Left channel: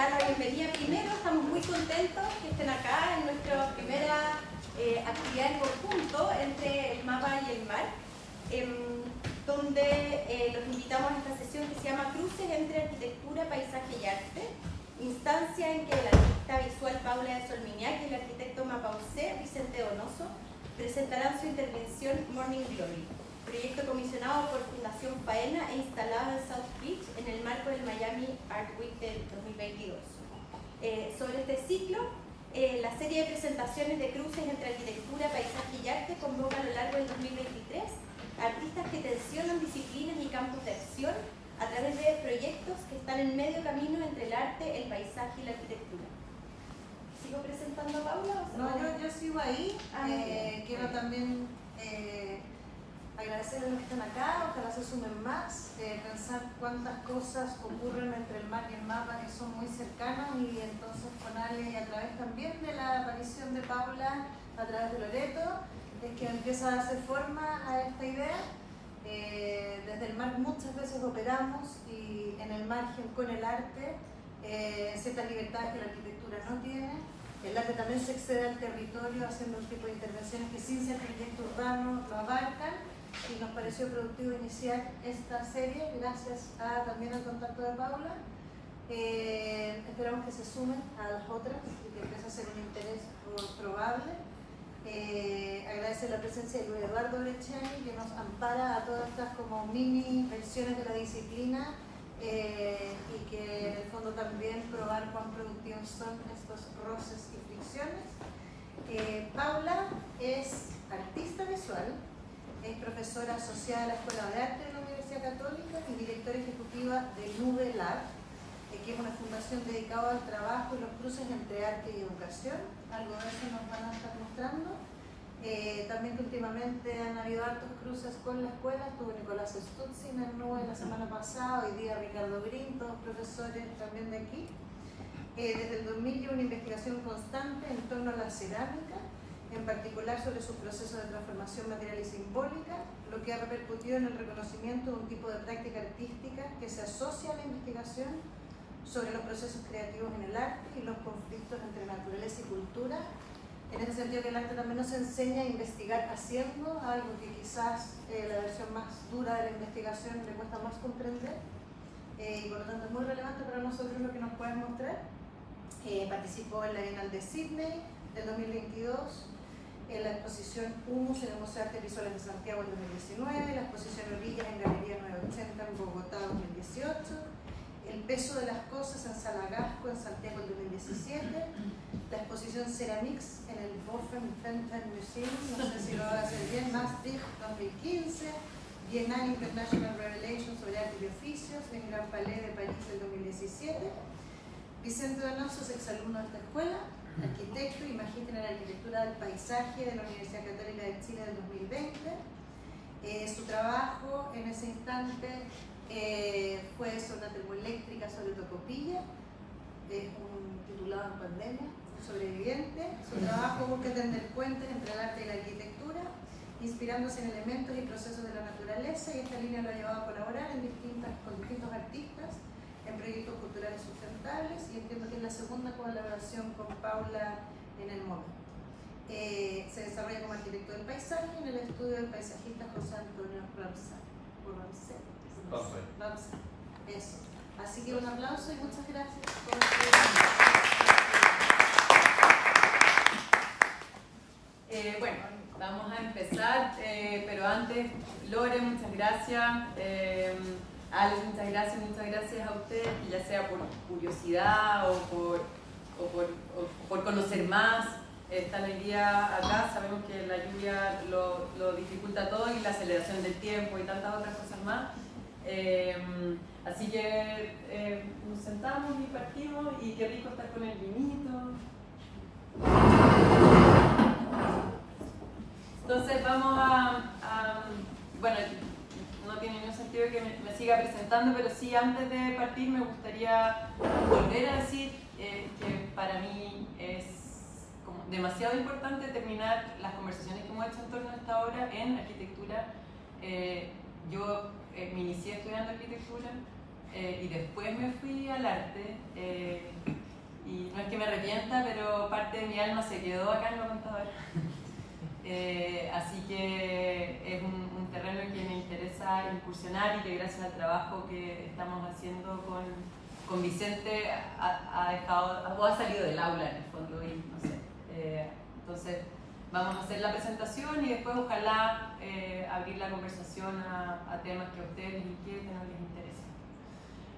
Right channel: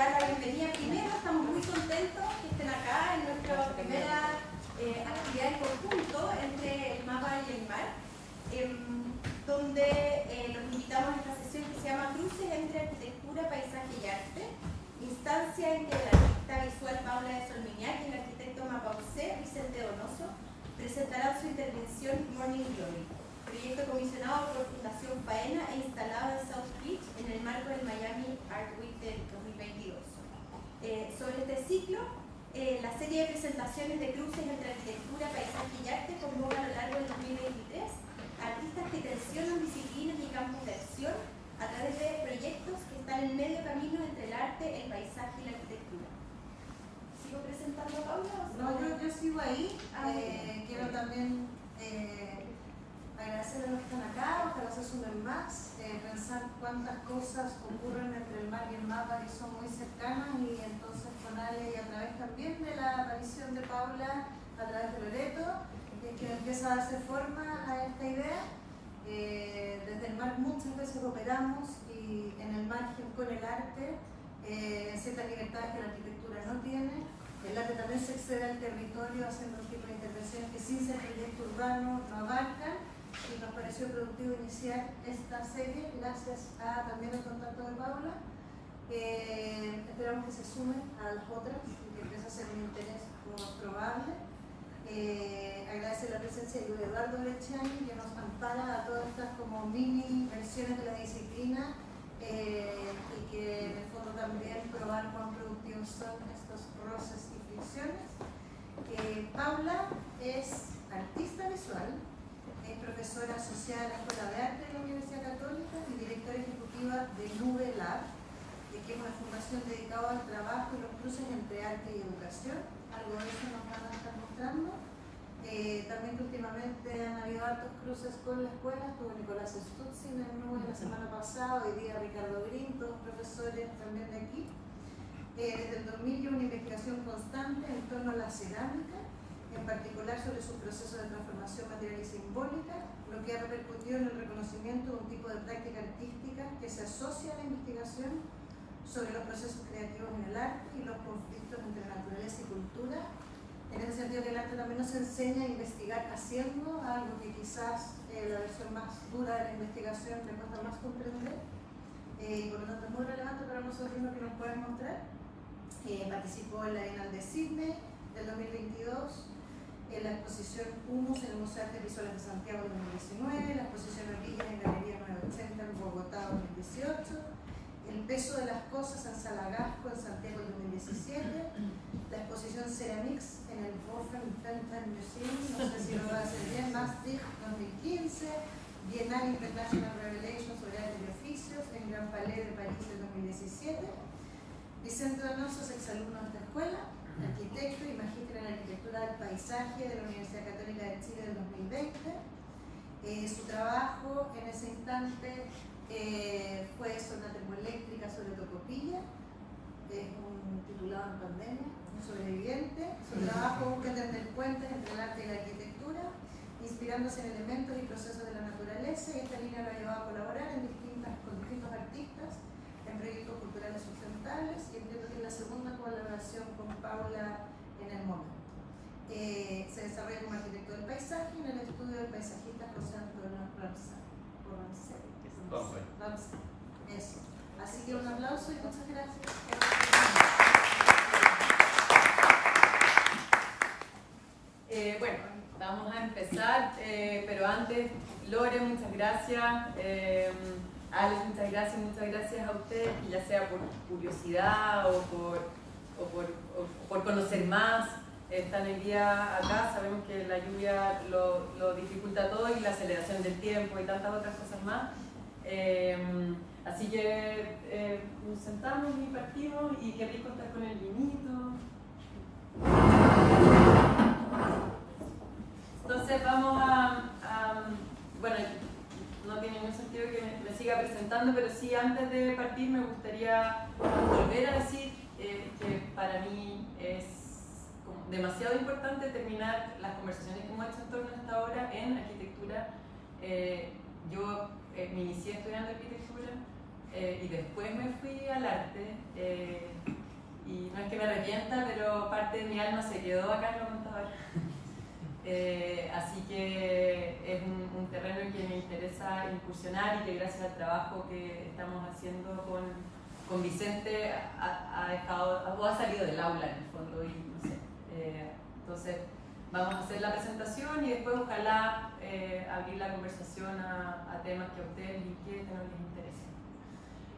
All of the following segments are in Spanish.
dar la bienvenida. Primero, estamos muy contentos que estén acá en nuestra primera actividad en conjunto entre el MAPA y el MAR, donde los invitamos a esta sesión que se llama Cruces entre Arquitectura, Paisaje y Arte, instancia en que la artista visual Paula de Solmiñac y el arquitecto mapaucé Vicente Donoso presentarán su intervención Morning Glory, proyecto comisionado por Fundación Faena e instalado en South Beach en el marco del Miami Art Week del 2022. Sobre este ciclo, la serie de presentaciones de cruces entre arquitectura, paisaje y arte convoca a lo largo del 2023 artistas que tensionan disciplinas y campos de acción a través de proyectos que están en medio camino entre el arte, el paisaje y la arquitectura. ¿Sigo presentando a Paula? No, yo sigo ahí. Quiero también agradecer a los que están acá, ojalá se sumen más, pensar cuántas cosas ocurren entre el MAR y el MAPA que son muy cercanas, y entonces con Ale y a través también de la aparición de Paula, a través de Loreto, es que empieza a darse forma a esta idea. Desde el MAR muchas veces operamos y en el margen con el arte, ciertas libertades que la arquitectura no tiene. El arte también se excede al territorio haciendo un tipo de intervenciones que sin ser proyecto urbano lo abarcan, y nos pareció productivo iniciar esta serie gracias también al contacto de Paula. Esperamos que se sumen a las otras y que empiece a ser un interés probable. Agradecer la presencia de Luis Eduardo Brechani, que nos ampara a todas estas como mini versiones de la disciplina, y que en el fondo también probar cuán productivos son estos roces y fricciones. Paula es artista visual, es profesora asociada a la Escuela de Arte de la Universidad Católica y directora ejecutiva de Nube Lab, que es una fundación dedicada al trabajo y los cruces entre arte y educación. Algo de eso nos van a estar mostrando. También que últimamente han habido hartos cruces con la escuela. Estuvo Nicolás Stutzin en Nube la semana pasada, hoy día Ricardo Green, todos profesores también de aquí. Desde el 2000 lleva una investigación constante en torno a la cerámica, en particular sobre sus procesos de transformación material y simbólica, lo que ha repercutido en el reconocimiento de un tipo de práctica artística que se asocia a la investigación sobre los procesos creativos en el arte y los conflictos entre naturaleza y cultura. En ese sentido, que el arte también nos enseña a investigar haciendo, algo que quizás la versión más dura de la investigación le cuesta más comprender, y por lo tanto es muy relevante para nosotros lo que nos puedes mostrar. Participó en la Bienal de Sydney del 2022, en la exposición Humus en el Museo de Artes Visuales de Santiago en 2019, la exposición Orillas en Galería 980 en Bogotá 2018, El peso de las cosas en Salagasco en Santiago en 2017, la exposición Ceramics en el Boffen Museum, no sé si lo voy a hacer bien, Maastricht 2015, Bienal International Revelation sobre arte y oficios en Gran Palais de París en 2017. Vicente Donoso es exalumno de esta escuela, arquitecto y magíster en arquitectura del paisaje de la Universidad Católica de Chile del 2020. Su trabajo en ese instante fue sobre una termoeléctrica sobre Tocopilla, un titulado en pandemia, un sobreviviente. Su trabajo busca tender puentes entre el arte y la arquitectura, inspirándose en elementos y procesos de la naturaleza, y esta línea lo ha llevado a colaborar con distintos artistas en proyectos culturales sustentables, y entiendo que es la segunda colaboración con Paula en el momento. Se desarrolla como arquitecto del paisaje en el estudio del paisajista José Antonio Ramsay. Eso. Así que un aplauso y muchas gracias por bueno, vamos a empezar, pero antes, Lore, muchas gracias. Alex, muchas gracias a ustedes, ya sea por curiosidad o por conocer más. Están hoy día acá, sabemos que la lluvia lo dificulta todo, y la aceleración del tiempo y tantas otras cosas más. Así que nos sentamos y partimos, y qué rico estar con el vinito. Entonces vamos bueno, no tiene ningún sentido que me siga presentando, pero sí, antes de partir me gustaría volver a decir que para mí es como demasiado importante terminar las conversaciones que hemos hecho en torno a esta hora en arquitectura. Yo me inicié estudiando arquitectura, y después me fui al arte. Y no es que me arrepienta, pero parte de mi alma se quedó acá en lo contador. Así que es un terreno en que me interesa incursionar y que gracias al trabajo que estamos haciendo con Vicente ha salido del aula en el fondo y no sé. Entonces vamos a hacer la presentación y después ojalá abrir la conversación a temas que a ustedes les inquieten o les interesen.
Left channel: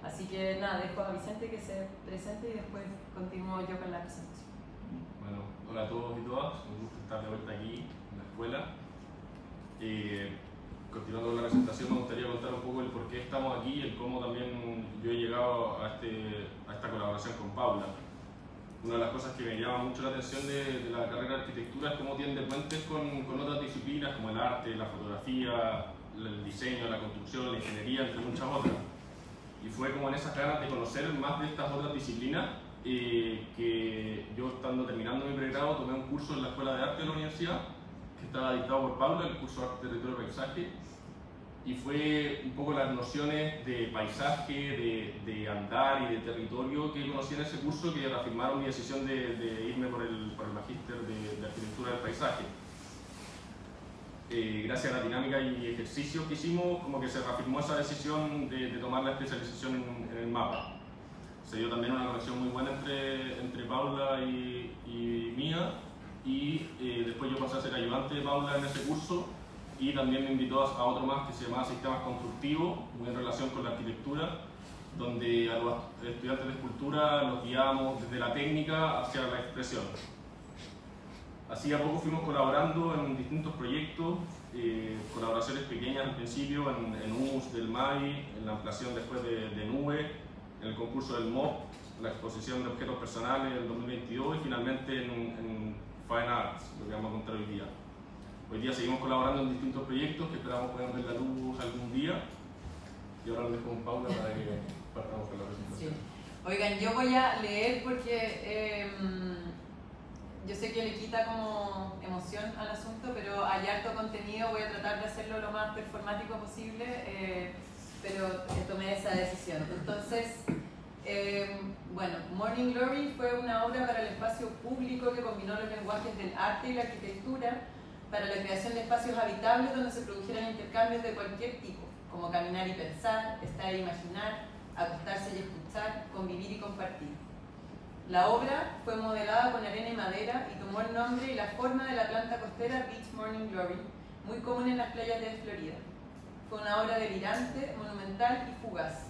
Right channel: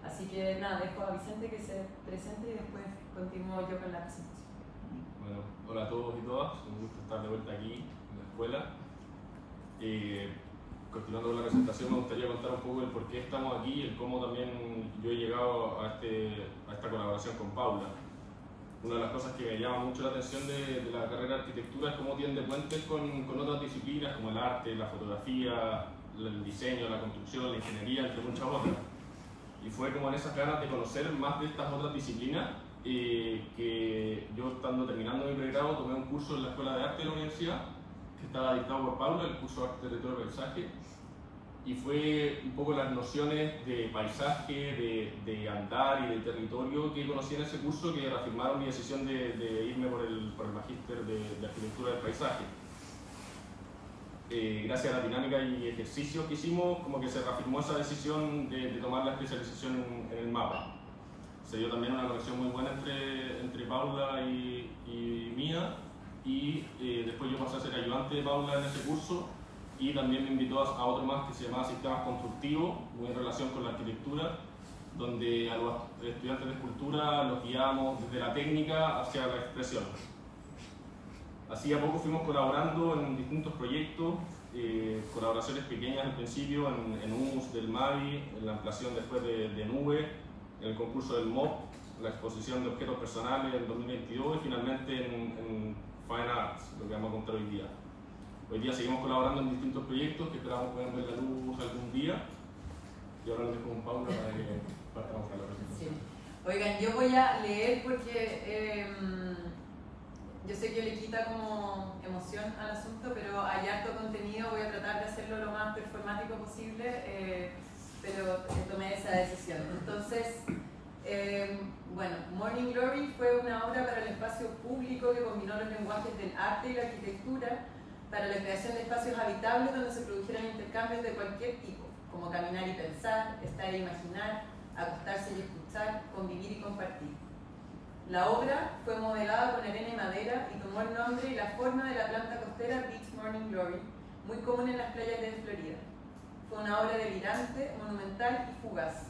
Así que nada, dejo a Vicente que se presente y después continúo yo con la presentación. Bueno, hola a todos y todas, un gusto estar de vuelta aquí en la escuela. Continuando con la presentación, me gustaría contar un poco el por qué estamos aquí y el cómo también yo he llegado a esta colaboración con Paula. Una de las cosas que me llama mucho la atención de la carrera de arquitectura es cómo tiende puentes con otras disciplinas como el arte, la fotografía, el diseño, la construcción, la ingeniería, entre muchas otras. Y fue como en esas ganas de conocer más de estas otras disciplinas que yo, estando terminando mi pregrado, tomé un curso en la Escuela de Arte de la universidad que estaba dictado por Paula, el curso de Arte, Territorio y Paisaje, y fue un poco las nociones de paisaje, de andar y de territorio que conocí en ese curso que reafirmaron mi decisión de irme por el magíster de Arquitectura del Paisaje. Gracias a la dinámica y ejercicios que hicimos, como que se reafirmó esa decisión de tomar la especialización en el mapa. Se dio también una conexión muy buena entre Paula y mía, y después yo pasé a ser ayudante de Paula en ese curso, y también me invitó a otro más que se llamaba Sistemas Constructivos, muy en relación con la arquitectura, donde a los estudiantes de escultura los guiábamos desde la técnica hacia la expresión. Así a poco fuimos colaborando en distintos proyectos, colaboraciones pequeñas al principio en US del MAVI, en la ampliación después de Nube, en el concurso del MOP, la exposición de objetos personales en 2022 y finalmente en Fine Arts, lo que vamos a contar hoy día. Hoy día seguimos colaborando en distintos proyectos que esperamos puedan ver la luz algún día. Y ahora lo dejo con Paula para que partamos con la presentación. Sí. Oigan, yo voy a leer porque yo sé que le quita como emoción al asunto, pero hay harto contenido, voy a tratar de hacerlo lo más performático posible, pero tomé esa decisión. Entonces, bueno, Morning Glory fue una obra para el espacio público que combinó los lenguajes del arte y la arquitectura para la creación de espacios habitables donde se produjeran intercambios de cualquier tipo, como caminar y pensar, estar e imaginar, acostarse y escuchar, convivir y compartir. La obra fue modelada con arena y madera y tomó el nombre y la forma de la planta costera Beach Morning Glory, muy común en las playas de Florida. Fue una obra delirante, monumental y fugaz.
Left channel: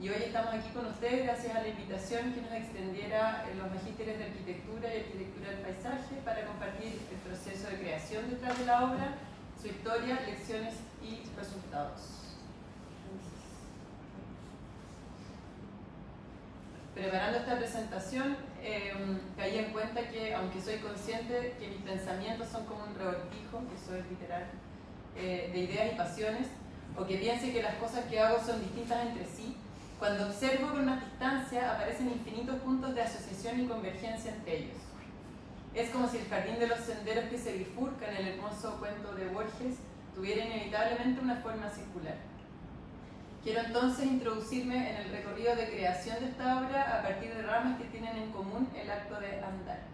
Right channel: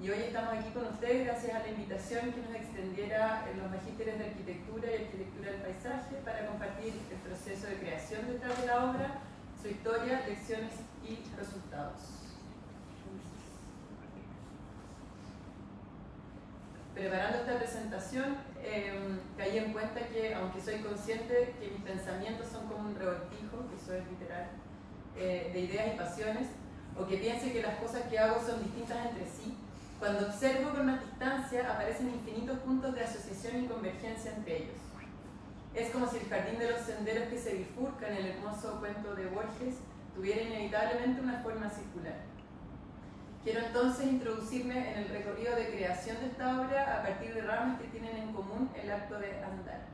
Y hoy estamos aquí con ustedes gracias a la invitación que nos extendiera los magísteres de Arquitectura y Arquitectura del Paisaje para compartir el proceso de creación detrás de la obra, su historia, lecciones y resultados. Preparando esta presentación, caí en cuenta que, aunque soy consciente que mis pensamientos son como un revoltijo, que eso es literal, de ideas y pasiones, o que piense que las cosas que hago son distintas entre sí, cuando observo con más distancia aparecen infinitos puntos de asociación y convergencia entre ellos. Es como si el jardín de los senderos que se bifurcan en el hermoso cuento de Borges tuviera inevitablemente una forma circular. Quiero entonces introducirme en el recorrido de creación de esta obra a partir de ramas que tienen en común el acto de andar.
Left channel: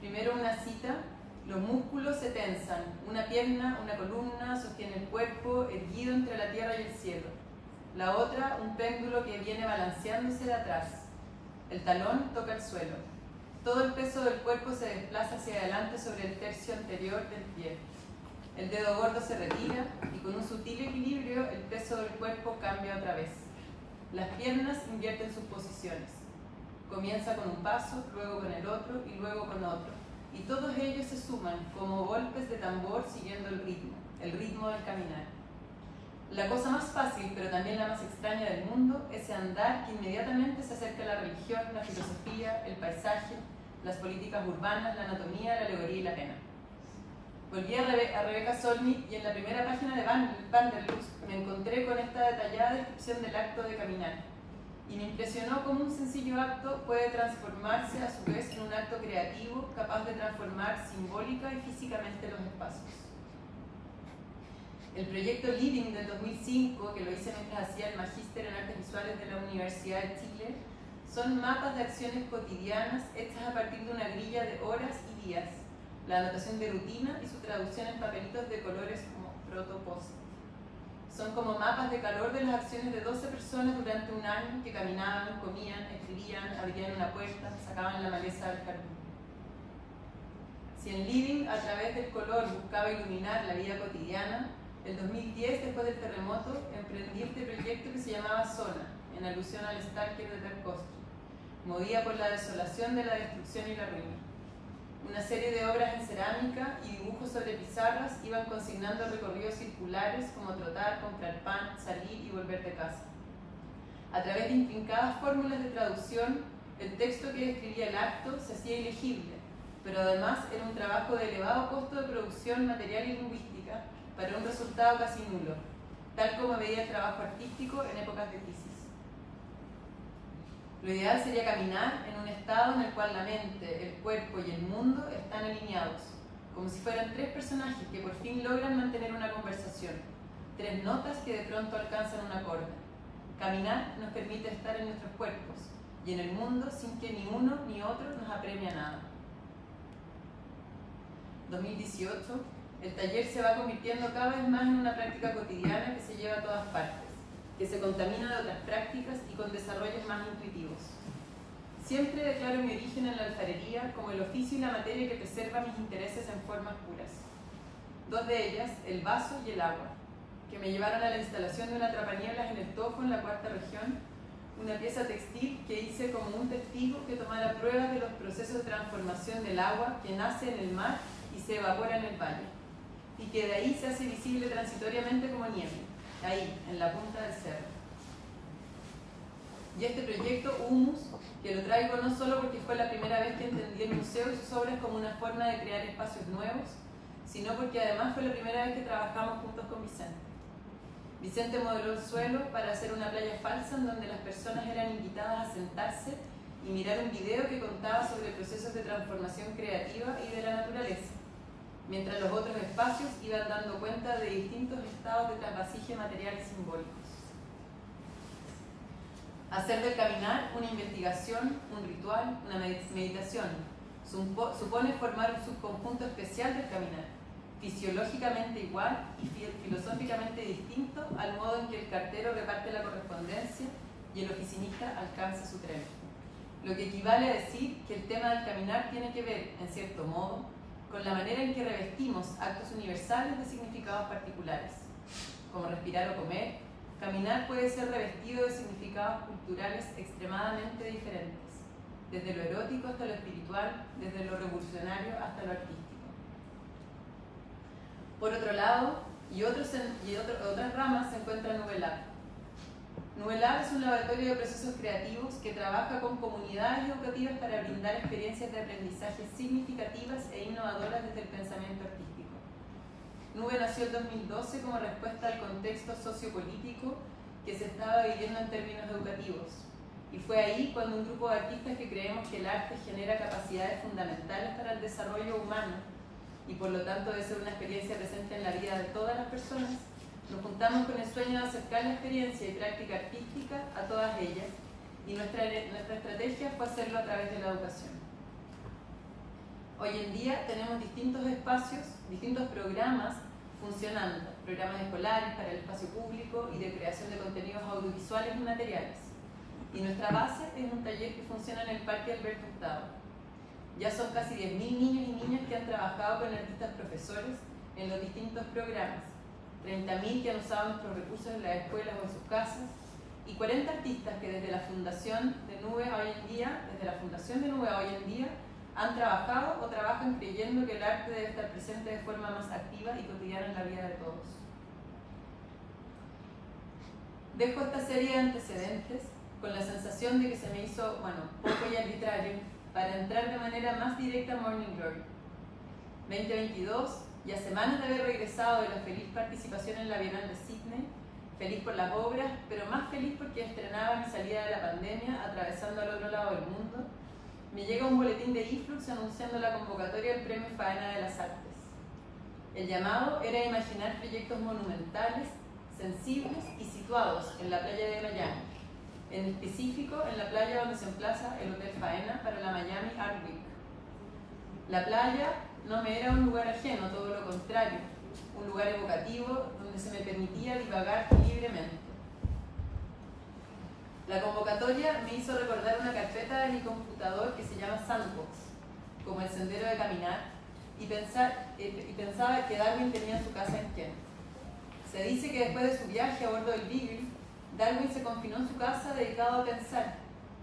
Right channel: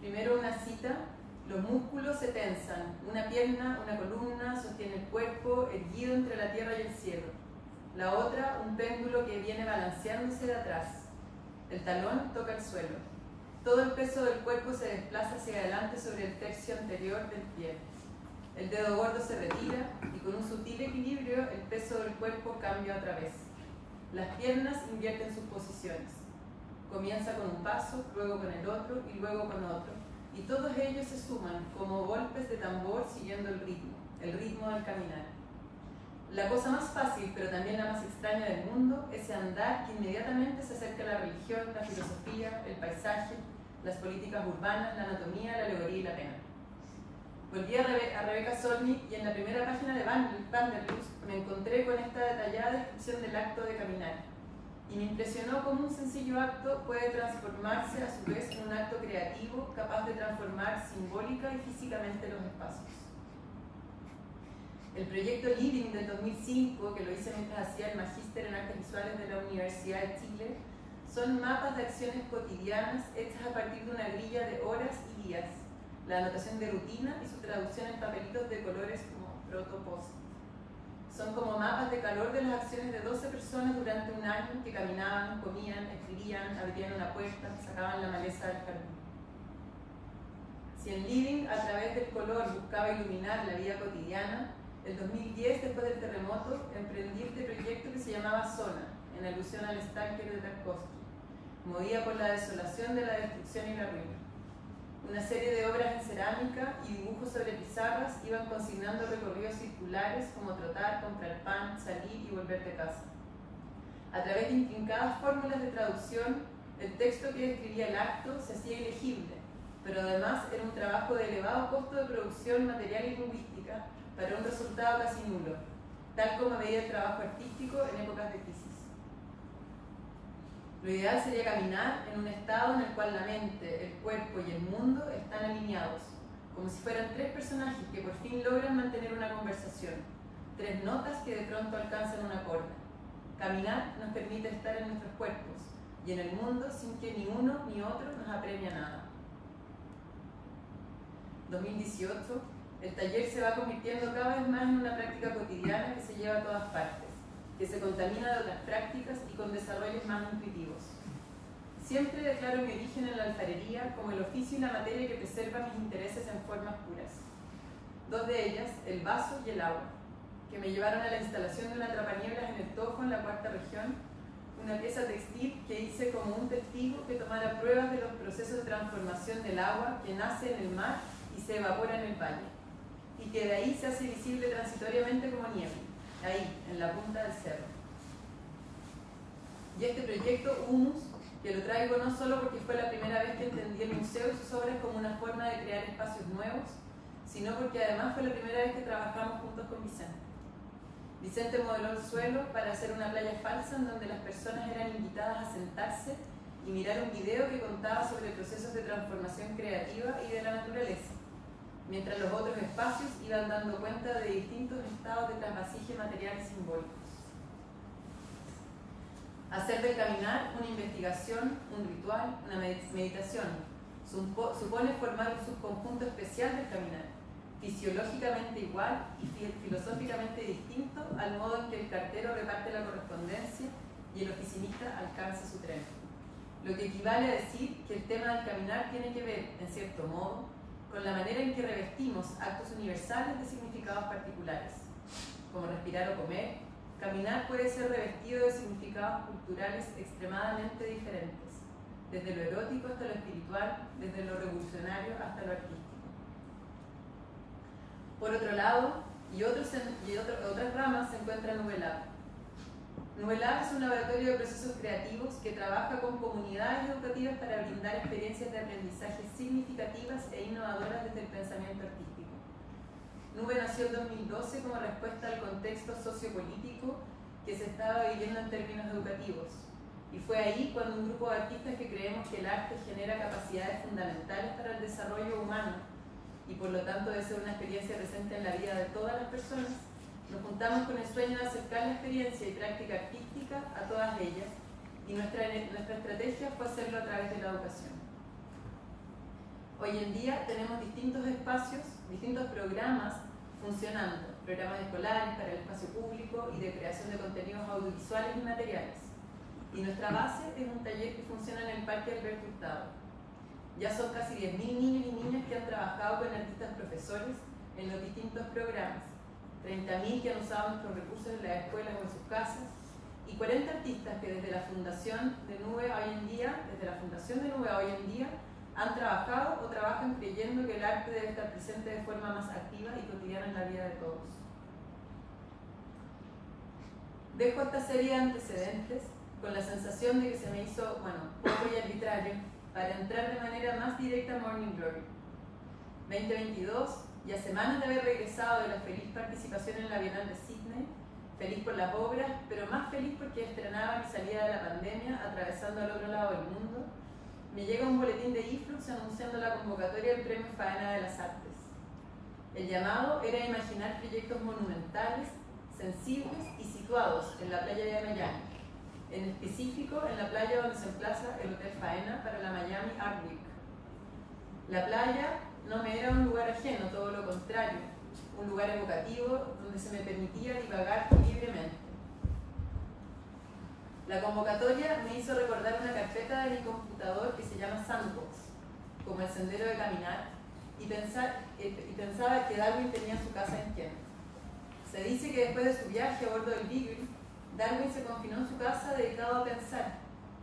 Primero una cita: los músculos se tensan, una pierna, una columna sostiene el cuerpo erguido entre la tierra y el cielo. La otra, un péndulo que viene balanceándose de atrás. El talón toca el suelo. Todo el peso del cuerpo se desplaza hacia adelante sobre el tercio anterior del pie. El dedo gordo se retira y con un sutil equilibrio el peso del cuerpo cambia otra vez. Las piernas invierten sus posiciones. Comienza con un paso, luego con el otro y luego con otro. Y todos ellos se suman como golpes de tambor siguiendo el ritmo del caminar. La cosa más fácil, pero también la más extraña del mundo, ese andar que inmediatamente se acerca a la religión, la filosofía, el paisaje, las políticas urbanas, la anatomía, la alegoría y la pena. Volví a Rebecca Solnit y en la primera página de Vanderlust me encontré con esta detallada descripción del acto de caminar. Y me impresionó cómo un sencillo acto puede transformarse a su vez en un acto creativo capaz de transformar simbólica y físicamente los espacios. El proyecto Living del 2005, que lo hice mientras hacía el magíster en artes visuales de la Universidad de Chile, son mapas de acciones cotidianas hechas a partir de una grilla de horas y días, la anotación de rutina y su traducción en papelitos de colores como protopost. Son como mapas de calor de las acciones de 12 personas durante un año que caminaban, comían, escribían, abrían una puerta, sacaban la maleza del jardín. Si en Living, a través del color, buscaba iluminar la vida cotidiana, en 2010, después del terremoto, emprendí este proyecto que se llamaba Zona, en alusión al Stalker de Tarkovsky, movida por la desolación de la destrucción y la ruina. Una serie de obras en cerámica y dibujos sobre pizarras iban consignando recorridos circulares como trotar, comprar pan, salir y volver de casa. A través de intrincadas fórmulas de traducción, el texto que describía el acto se hacía ilegible, pero además era un trabajo de elevado costo de producción material y lingüística para un resultado casi nulo, tal como veía el trabajo artístico en épocas de crisis. Lo ideal sería caminar en un estado en el cual la mente, el cuerpo y el mundo están alineados, como si fueran tres personajes que por fin logran mantener una conversación, tres notas que de pronto alcanzan un acorde. Caminar nos permite estar en nuestros cuerpos y en el mundo sin que ni uno ni otro nos apremie a nada. 2018, el taller se va convirtiendo cada vez más en una práctica cotidiana que se lleva a todas partes, que se contamina de otras prácticas y con desarrollos más intuitivos. Siempre declaro mi origen en la alfarería como el oficio y la materia que preserva mis intereses en formas puras. Dos de ellas, el vaso y el agua, que me llevaron a la instalación de una atrapanieblas en el Tojo, en la Cuarta Región, una pieza textil que hice como un testigo que tomara pruebas de los procesos de transformación del agua que nace en el mar y se evapora en el valle, y que de ahí se hace visible transitoriamente como nieve, ahí, en la punta del cerro. Y este proyecto, Humus, que lo traigo no solo porque fue la primera vez que entendí el museo y sus obras como una forma de crear espacios nuevos, sino porque además fue la primera vez que trabajamos juntos con Vicente. Vicente modeló el suelo para hacer una playa falsa en donde las personas eran invitadas a sentarse y mirar un video que contaba sobre procesos de transformación creativa y de la naturaleza, mientras los otros espacios iban dando cuenta de distintos estados de trasvasije material y simbólicos. Hacer del caminar una investigación, un ritual, una meditación, supone formar un subconjunto especial del caminar, fisiológicamente igual y filosóficamente distinto al modo en que el cartero reparte la correspondencia y el oficinista alcanza su tren. Lo que equivale a decir que el tema del caminar tiene que ver, en cierto modo, con la manera en que revestimos actos universales de significados particulares, como respirar o comer. Caminar puede ser revestido de significados culturales extremadamente diferentes, desde lo erótico hasta lo espiritual, desde lo revolucionario hasta lo artístico. Por otro lado, otras ramas se encuentra Nubelab. Nubelab es un laboratorio de procesos creativos que trabaja con comunidades educativas para brindar experiencias de aprendizaje significativas e innovadoras desde el pensamiento artístico. Nube nació en 2012 como respuesta al contexto sociopolítico que se estaba viviendo en términos educativos. Y fue ahí cuando un grupo de artistas que creemos que el arte genera capacidades fundamentales para el desarrollo humano y por lo tanto debe ser una experiencia presente en la vida de todas las personas, nos juntamos con el sueño de acercar la experiencia y práctica artística a todas ellas, y nuestra estrategia fue hacerlo a través de la educación. Hoy en día tenemos distintos espacios, distintos programas funcionando, programas escolares para el espacio público y de creación de contenidos audiovisuales y materiales. Y nuestra base es un taller que funciona en el Parque Alberto Hurtado. Ya son casi 10.000 niños y niñas que han trabajado con artistas profesores en los distintos programas, 30.000 que han usado nuestros recursos en las escuelas o en sus casas, y 40 artistas que desde la Fundación de Nube hoy en día, han trabajado o trabajan creyendo que el arte debe estar presente de forma más activa y cotidiana en la vida de todos. Dejo esta serie de antecedentes con la sensación de que se me hizo, poco y arbitrario, para entrar de manera más directa a Morning Glory. 2022, y a semanas de haber regresado de la feliz participación en la Bienal de Sydney, feliz por las obras, pero más feliz porque estrenaba mi salida de la pandemia atravesando al otro lado del mundo, me llega un boletín de eFlux anunciando la convocatoria del Premio Faena de las Artes. El llamado era imaginar proyectos monumentales, sensibles y situados en la playa de Miami, en específico en la playa donde se emplaza el Hotel Faena para la Miami Art Week. La playa no me era un lugar ajeno, todo lo contrario, un lugar evocativo donde se me permitía divagar libremente. La convocatoria me hizo recordar una carpeta de mi computador que se llama Sandbox, como el sendero de caminar, y pensaba que Darwin tenía su casa en Kent. Se dice que después de su viaje a bordo del Beagle, Darwin se confinó en su casa dedicado a pensar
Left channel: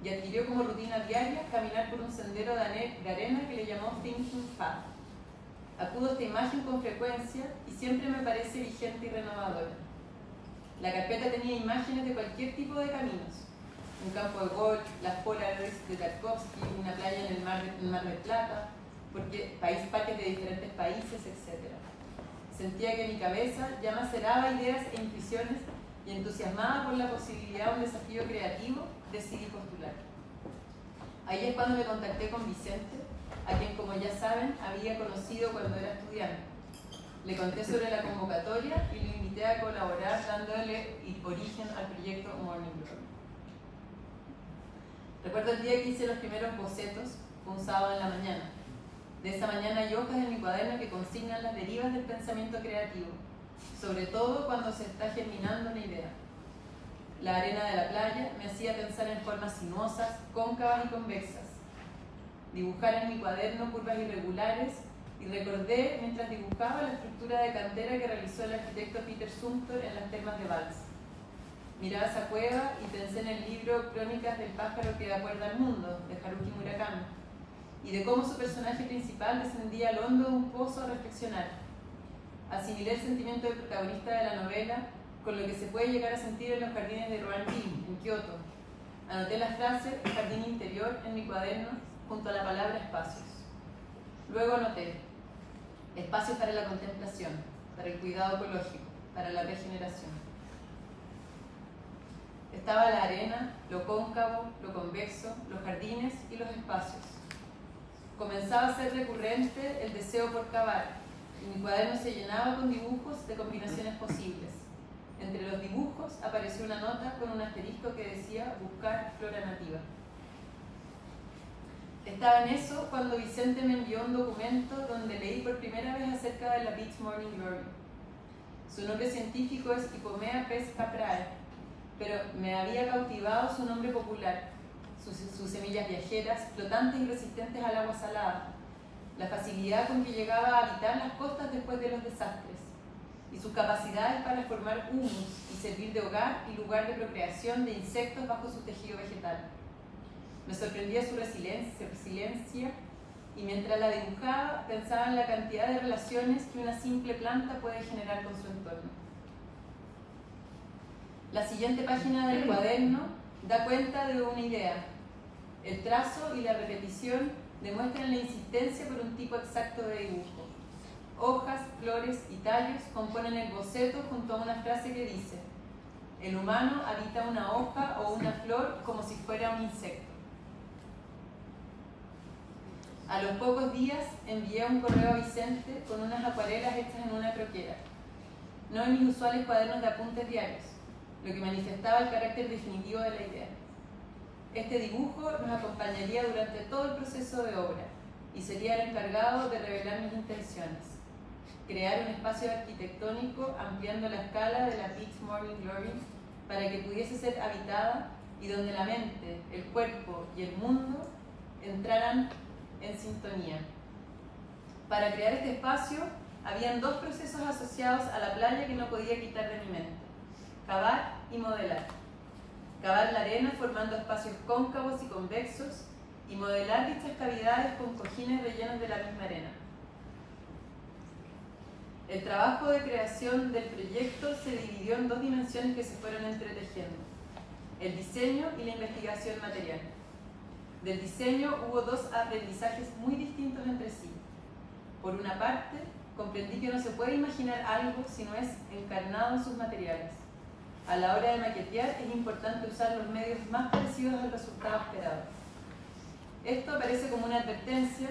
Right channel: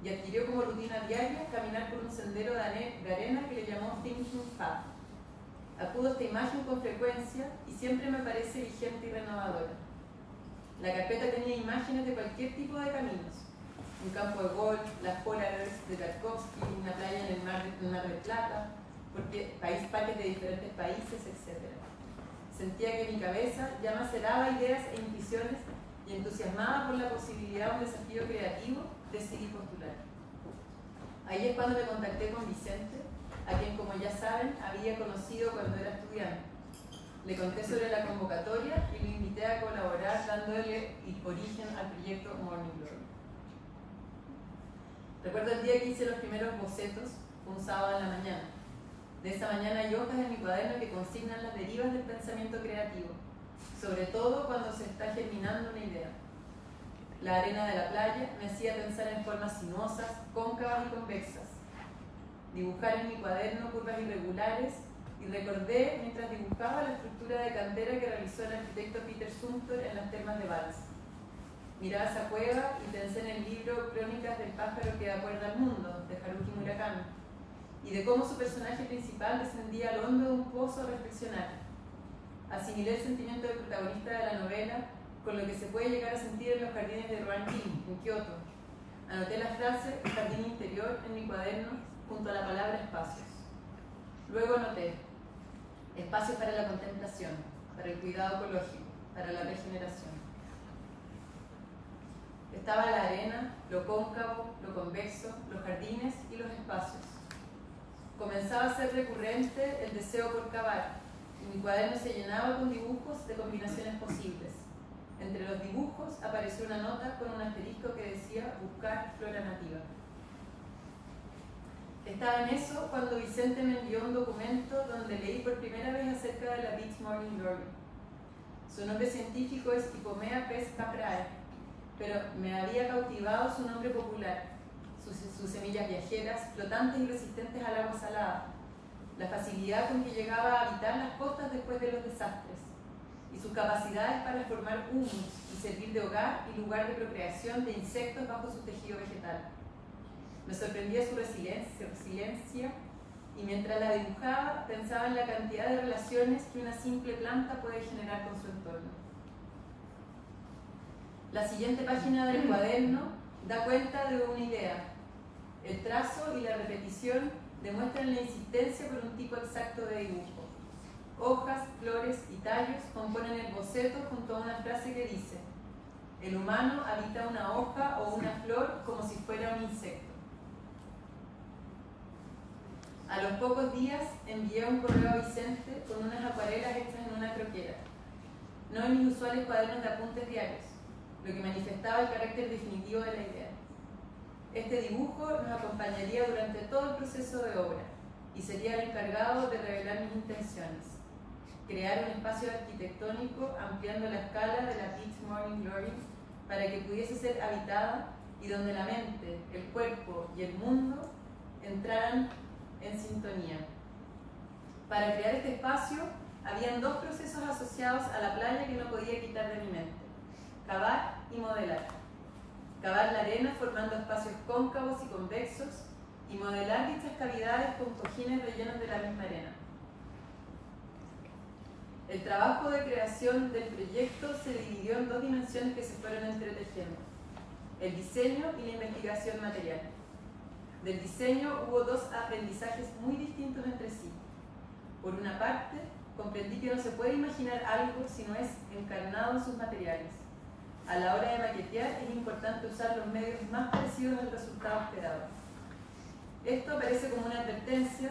y adquirió como rutina diaria caminar por un sendero de arena que le llamó Thinking Path. Acudo a esta imagen con frecuencia y siempre me parece vigente y renovadora. La carpeta tenía imágenes de cualquier tipo de caminos: un campo de golf, las Polaroids de Tarkovsky, una playa en el Mar del Plata, parques de diferentes países, etc. Sentía que mi cabeza ya maceraba ideas e intuiciones y, entusiasmada por la posibilidad de un desafío creativo, decidí postular. Ahí es cuando me contacté con Vicente, a quien, como ya saben, había conocido cuando era estudiante. Le conté sobre la convocatoria y lo invité a colaborar dándole origen al proyecto Morning Glory. Recuerdo el día que hice los primeros bocetos, fue un sábado en la mañana. De esa mañana hay hojas en mi cuaderno que consignan las derivas del pensamiento creativo, sobre todo cuando se está germinando una idea. La arena de la playa me hacía pensar en formas sinuosas, cóncavas y convexas. Dibujar en mi cuaderno curvas irregulares y recordé mientras dibujaba la estructura de cantera que realizó el arquitecto Peter Zumthor en las termas de Valls. Miraba esa cueva y pensé en el libro Crónicas del pájaro que da cuerda al mundo, de Haruki Murakami, y de cómo su personaje principal descendía al hondo de un pozo a reflexionar. Asimilé el sentimiento del protagonista de la novela con lo que se puede llegar a sentir en los jardines de Rohan-in, en Kioto. Anoté la frase jardín interior en mi cuaderno junto a la palabra espacios. Luego anoté espacios para la contemplación, para el cuidado ecológico, para la regeneración. Estaba la arena, lo cóncavo, lo convexo, los jardines y los espacios. Comenzaba a ser recurrente el deseo por cavar, y mi cuaderno se llenaba con dibujos de combinaciones posibles. Entre los dibujos apareció una nota con un asterisco que decía buscar flora nativa. Estaba en eso cuando Vicente me envió un documento donde leí por primera vez acerca de la Beach Morning Glory. Su nombre científico es Ipomea pes caprae, pero me había cautivado su nombre popular, sus semillas viajeras, flotantes y resistentes al agua salada, la facilidad con que llegaba a habitar las costas después de los desastres, y sus capacidades para formar humus y servir de hogar y lugar de procreación de insectos bajo su tejido vegetal. Me sorprendía su resiliencia, y mientras la dibujaba pensaba en la cantidad de relaciones que una simple planta puede generar con su entorno. La siguiente página del cuaderno da cuenta de una idea. El trazo y la repetición demuestran la insistencia por un tipo exacto de dibujo. Hojas, flores y tallos componen el boceto junto a una frase que dice: el humano habita una hoja o una flor como si fuera un insecto. A los pocos días envié un correo a Vicente con unas acuarelas hechas en una croquera, no en mis usuales cuadernos de apuntes diarios, lo que manifestaba el carácter definitivo de la idea. Este dibujo nos acompañaría durante todo el proceso de obra y sería el encargado de revelar mis intenciones: crear un espacio arquitectónico ampliando la escala de la Beach Morning Glory para que pudiese ser habitada y donde la mente, el cuerpo y el mundo entraran en sintonía. Para crear este espacio habían dos procesos asociados a la playa que no podía quitar de mi mente: cavar y modelar. Cavar la arena formando espacios cóncavos y convexos y modelar dichas cavidades con cojines rellenos de la misma arena. El trabajo de creación del proyecto se dividió en dos dimensiones que se fueron entretejiendo: el diseño y la investigación material. Del diseño hubo dos aprendizajes muy distintos entre sí. Por una parte, comprendí que no se puede imaginar algo si no es encarnado en sus materiales. A la hora de maquetear es importante usar los medios más parecidos al resultado esperado. Esto aparece como una advertencia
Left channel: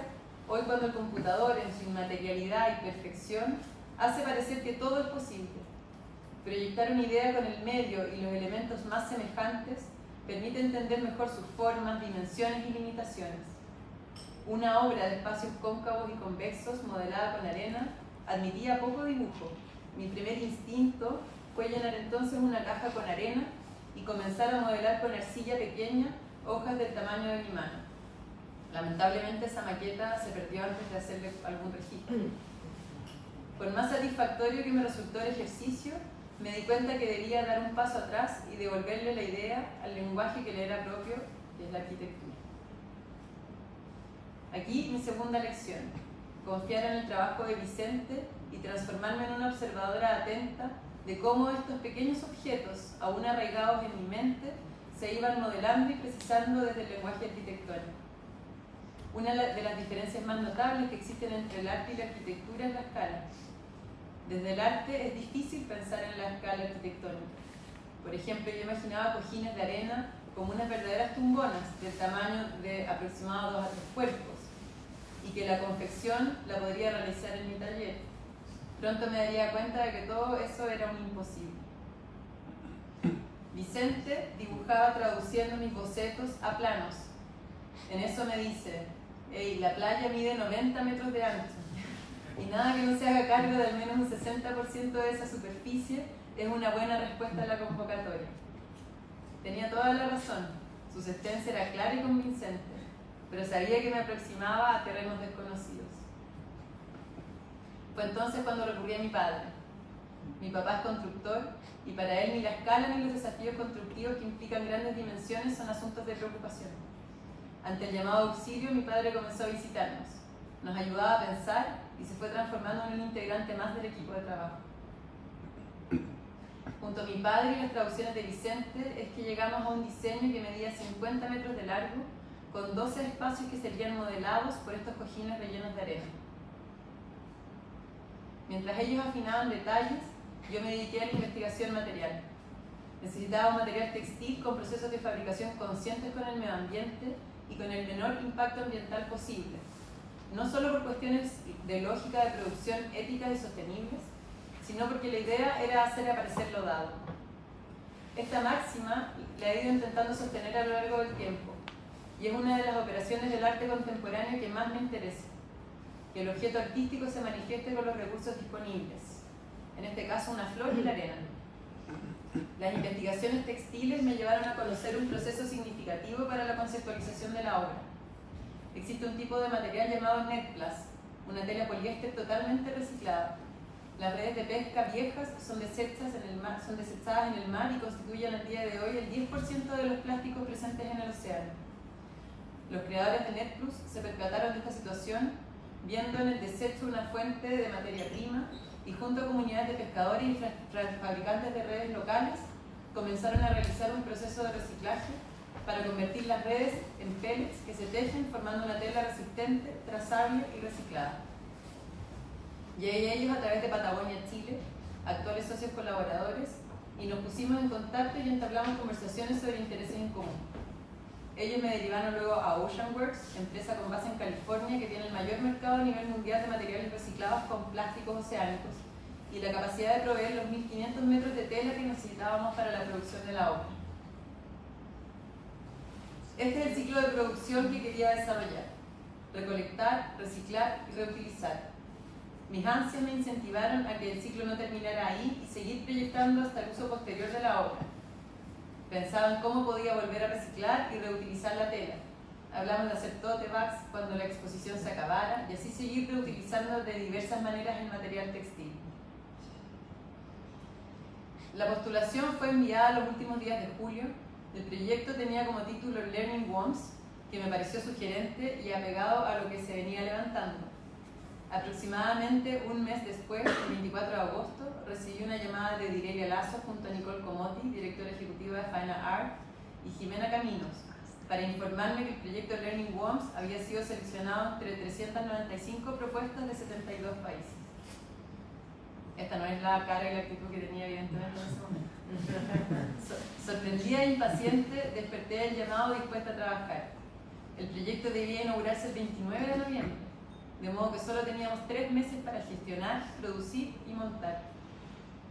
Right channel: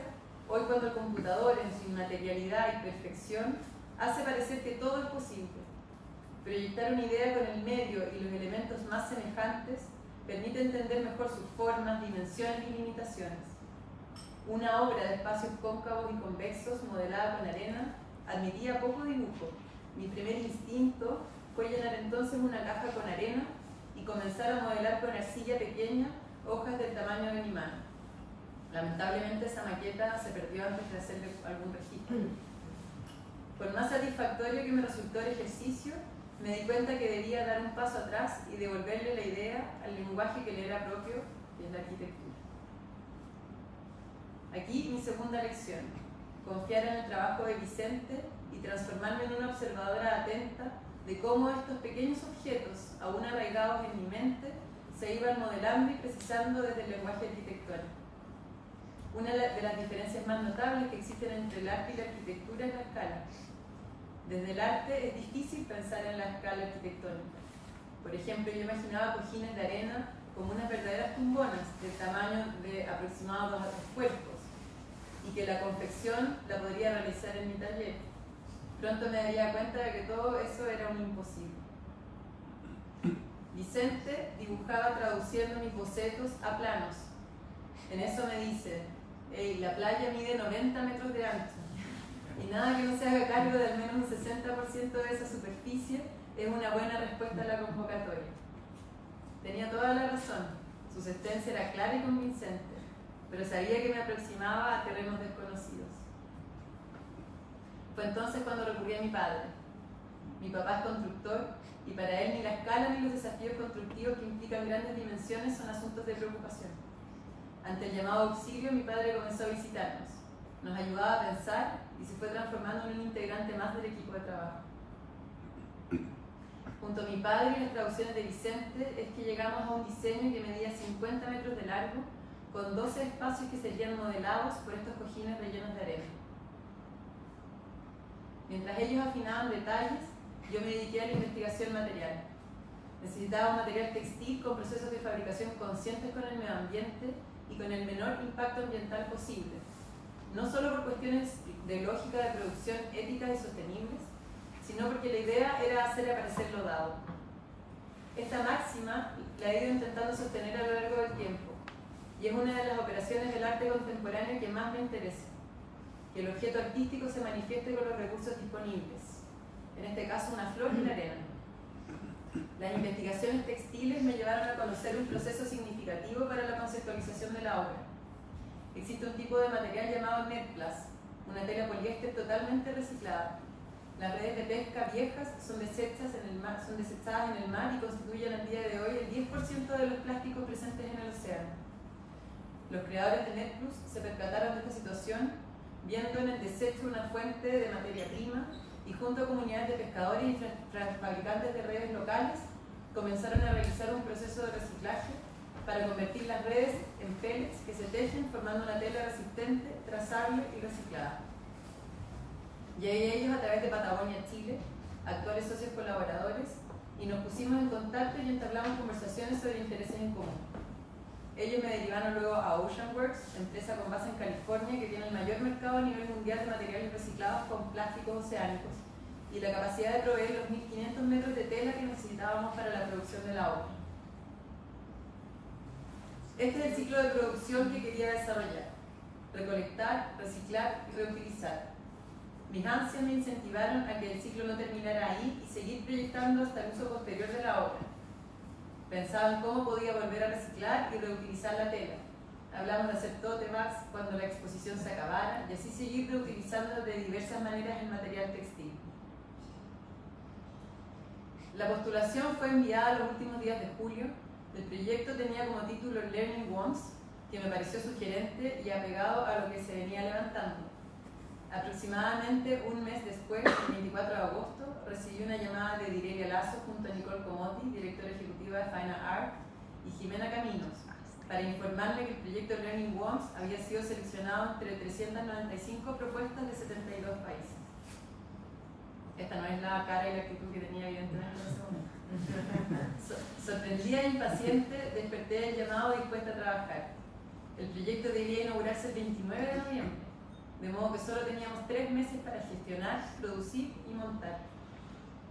hoy cuando el computador, en su inmaterialidad y perfección, hace parecer que todo es posible. Proyectar una idea con el medio y los elementos más semejantes permite entender mejor sus formas, dimensiones y limitaciones. Una obra de espacios cóncavos y convexos modelada con arena admitía poco dibujo. Mi primer instinto fue llenar entonces una caja con arena y comenzar a modelar con arcilla pequeña hojas del tamaño de mi mano. Lamentablemente esa maqueta se perdió antes de hacerle algún registro. Por más satisfactorio que me resultó el ejercicio, me di cuenta que debía dar un paso atrás y devolverle la idea al lenguaje que le era propio, que es la arquitectura. Aquí mi segunda lección: confiar en el trabajo de Vicente y transformarme en una observadora atenta de cómo estos pequeños objetos, aún arraigados en mi mente, se iban modelando y precisando desde el lenguaje arquitectónico. Una de las diferencias más notables que existen entre el arte y la arquitectura es la escala. Desde el arte es difícil pensar en la escala arquitectónica. Por ejemplo, yo imaginaba cojines de arena como unas verdaderas tumbonas del tamaño de aproximadamente 2 a 3 cuerpos, y que la confección la podría realizar en mi taller. Pronto me daría cuenta de que todo eso era un imposible. Vicente dibujaba traduciendo mis bocetos a planos. En eso me dice: hey, la playa mide 90 metros de ancho, y nada que no se haga cargo de al menos un 60% de esa superficie es una buena respuesta a la convocatoria. Tenía toda la razón, su sentencia era clara y convincente, pero sabía que me aproximaba a terrenos desconocidos. Fue entonces cuando recurrí a mi padre. Mi papá es constructor, y para él ni la escala ni los desafíos constructivos que implican grandes dimensiones son asuntos de preocupación. Ante el llamado auxilio, mi padre comenzó a visitarnos. Nos ayudaba a pensar y se fue transformando en un integrante más del equipo de trabajo. Junto a mi padre y las traducciones de Vicente es que llegamos a un diseño que medía 50 metros de largo, con 12 espacios que serían modelados por estos cojines rellenos de arena. Mientras ellos afinaban detalles, yo me dediqué a la investigación material. Necesitaba un material textil con procesos de fabricación conscientes con el medio ambiente y con el menor impacto ambiental posible, no solo por cuestiones de lógica de producción éticas y sostenibles, sino porque la idea era hacer aparecer lo dado. Esta máxima la he ido intentando sostener a lo largo del tiempo, y es una de las operaciones del arte contemporáneo que más me interesa: que el objeto artístico se manifieste con los recursos disponibles, en este caso una flor y la arena. Las investigaciones textiles me llevaron a conocer un proceso significativo para la conceptualización de la obra. Existe un tipo de material llamado NetPlus, una tela poliéster totalmente reciclada. Las redes de pesca viejas son desechadas en el mar y constituyen al día de hoy el 10% de los plásticos presentes en el océano. Los creadores de NetPlus se percataron de esta situación viendo en el desecho una fuente de materia prima, y junto a comunidades de pescadores y fabricantes de redes locales comenzaron a realizar un proceso de reciclaje para convertir las redes en pellets que se tejen formando una tela resistente, trazable y reciclada. Llegué a ellos a través de Patagonia Chile, actuales socios colaboradores, y nos pusimos en contacto y entablamos conversaciones sobre intereses en común. Ellos me derivaron luego a Oceanworks, empresa con base en California que tiene el mayor mercado a nivel mundial de materiales reciclados con plásticos oceánicos y la capacidad de proveer los 1.500 metros de tela que necesitábamos para la producción de la obra. Este es el ciclo de producción que quería desarrollar: recolectar, reciclar y reutilizar. Mis ansias me incentivaron a que el ciclo no terminara ahí y seguir proyectando hasta el uso posterior de la obra. Pensaba en cómo podía volver a reciclar y reutilizar la tela. Hablamos de hacer tote bags cuando la exposición se acabara y así seguir reutilizando de diversas maneras el material textil. La postulación fue enviada los últimos días de julio. El proyecto tenía como título Learning Once, que me pareció sugerente y apegado a lo que se venía levantando. Aproximadamente un mes después, el 24 de agosto, recibí una llamada de Direlia Lazo junto a Nicole Comotti, directora ejecutiva de Fine Art, y Jimena Caminos, para informarme que el proyecto Learning Worms había sido seleccionado entre 395 propuestas de 72 países. Esta no es la cara y la actitud que tenía evidentemente en ese momento. Sorprendida e impaciente, desperté el llamado dispuesta a trabajar. El proyecto debía inaugurarse el 29 de noviembre. de modo que solo teníamos 3 meses para gestionar, producir y montar.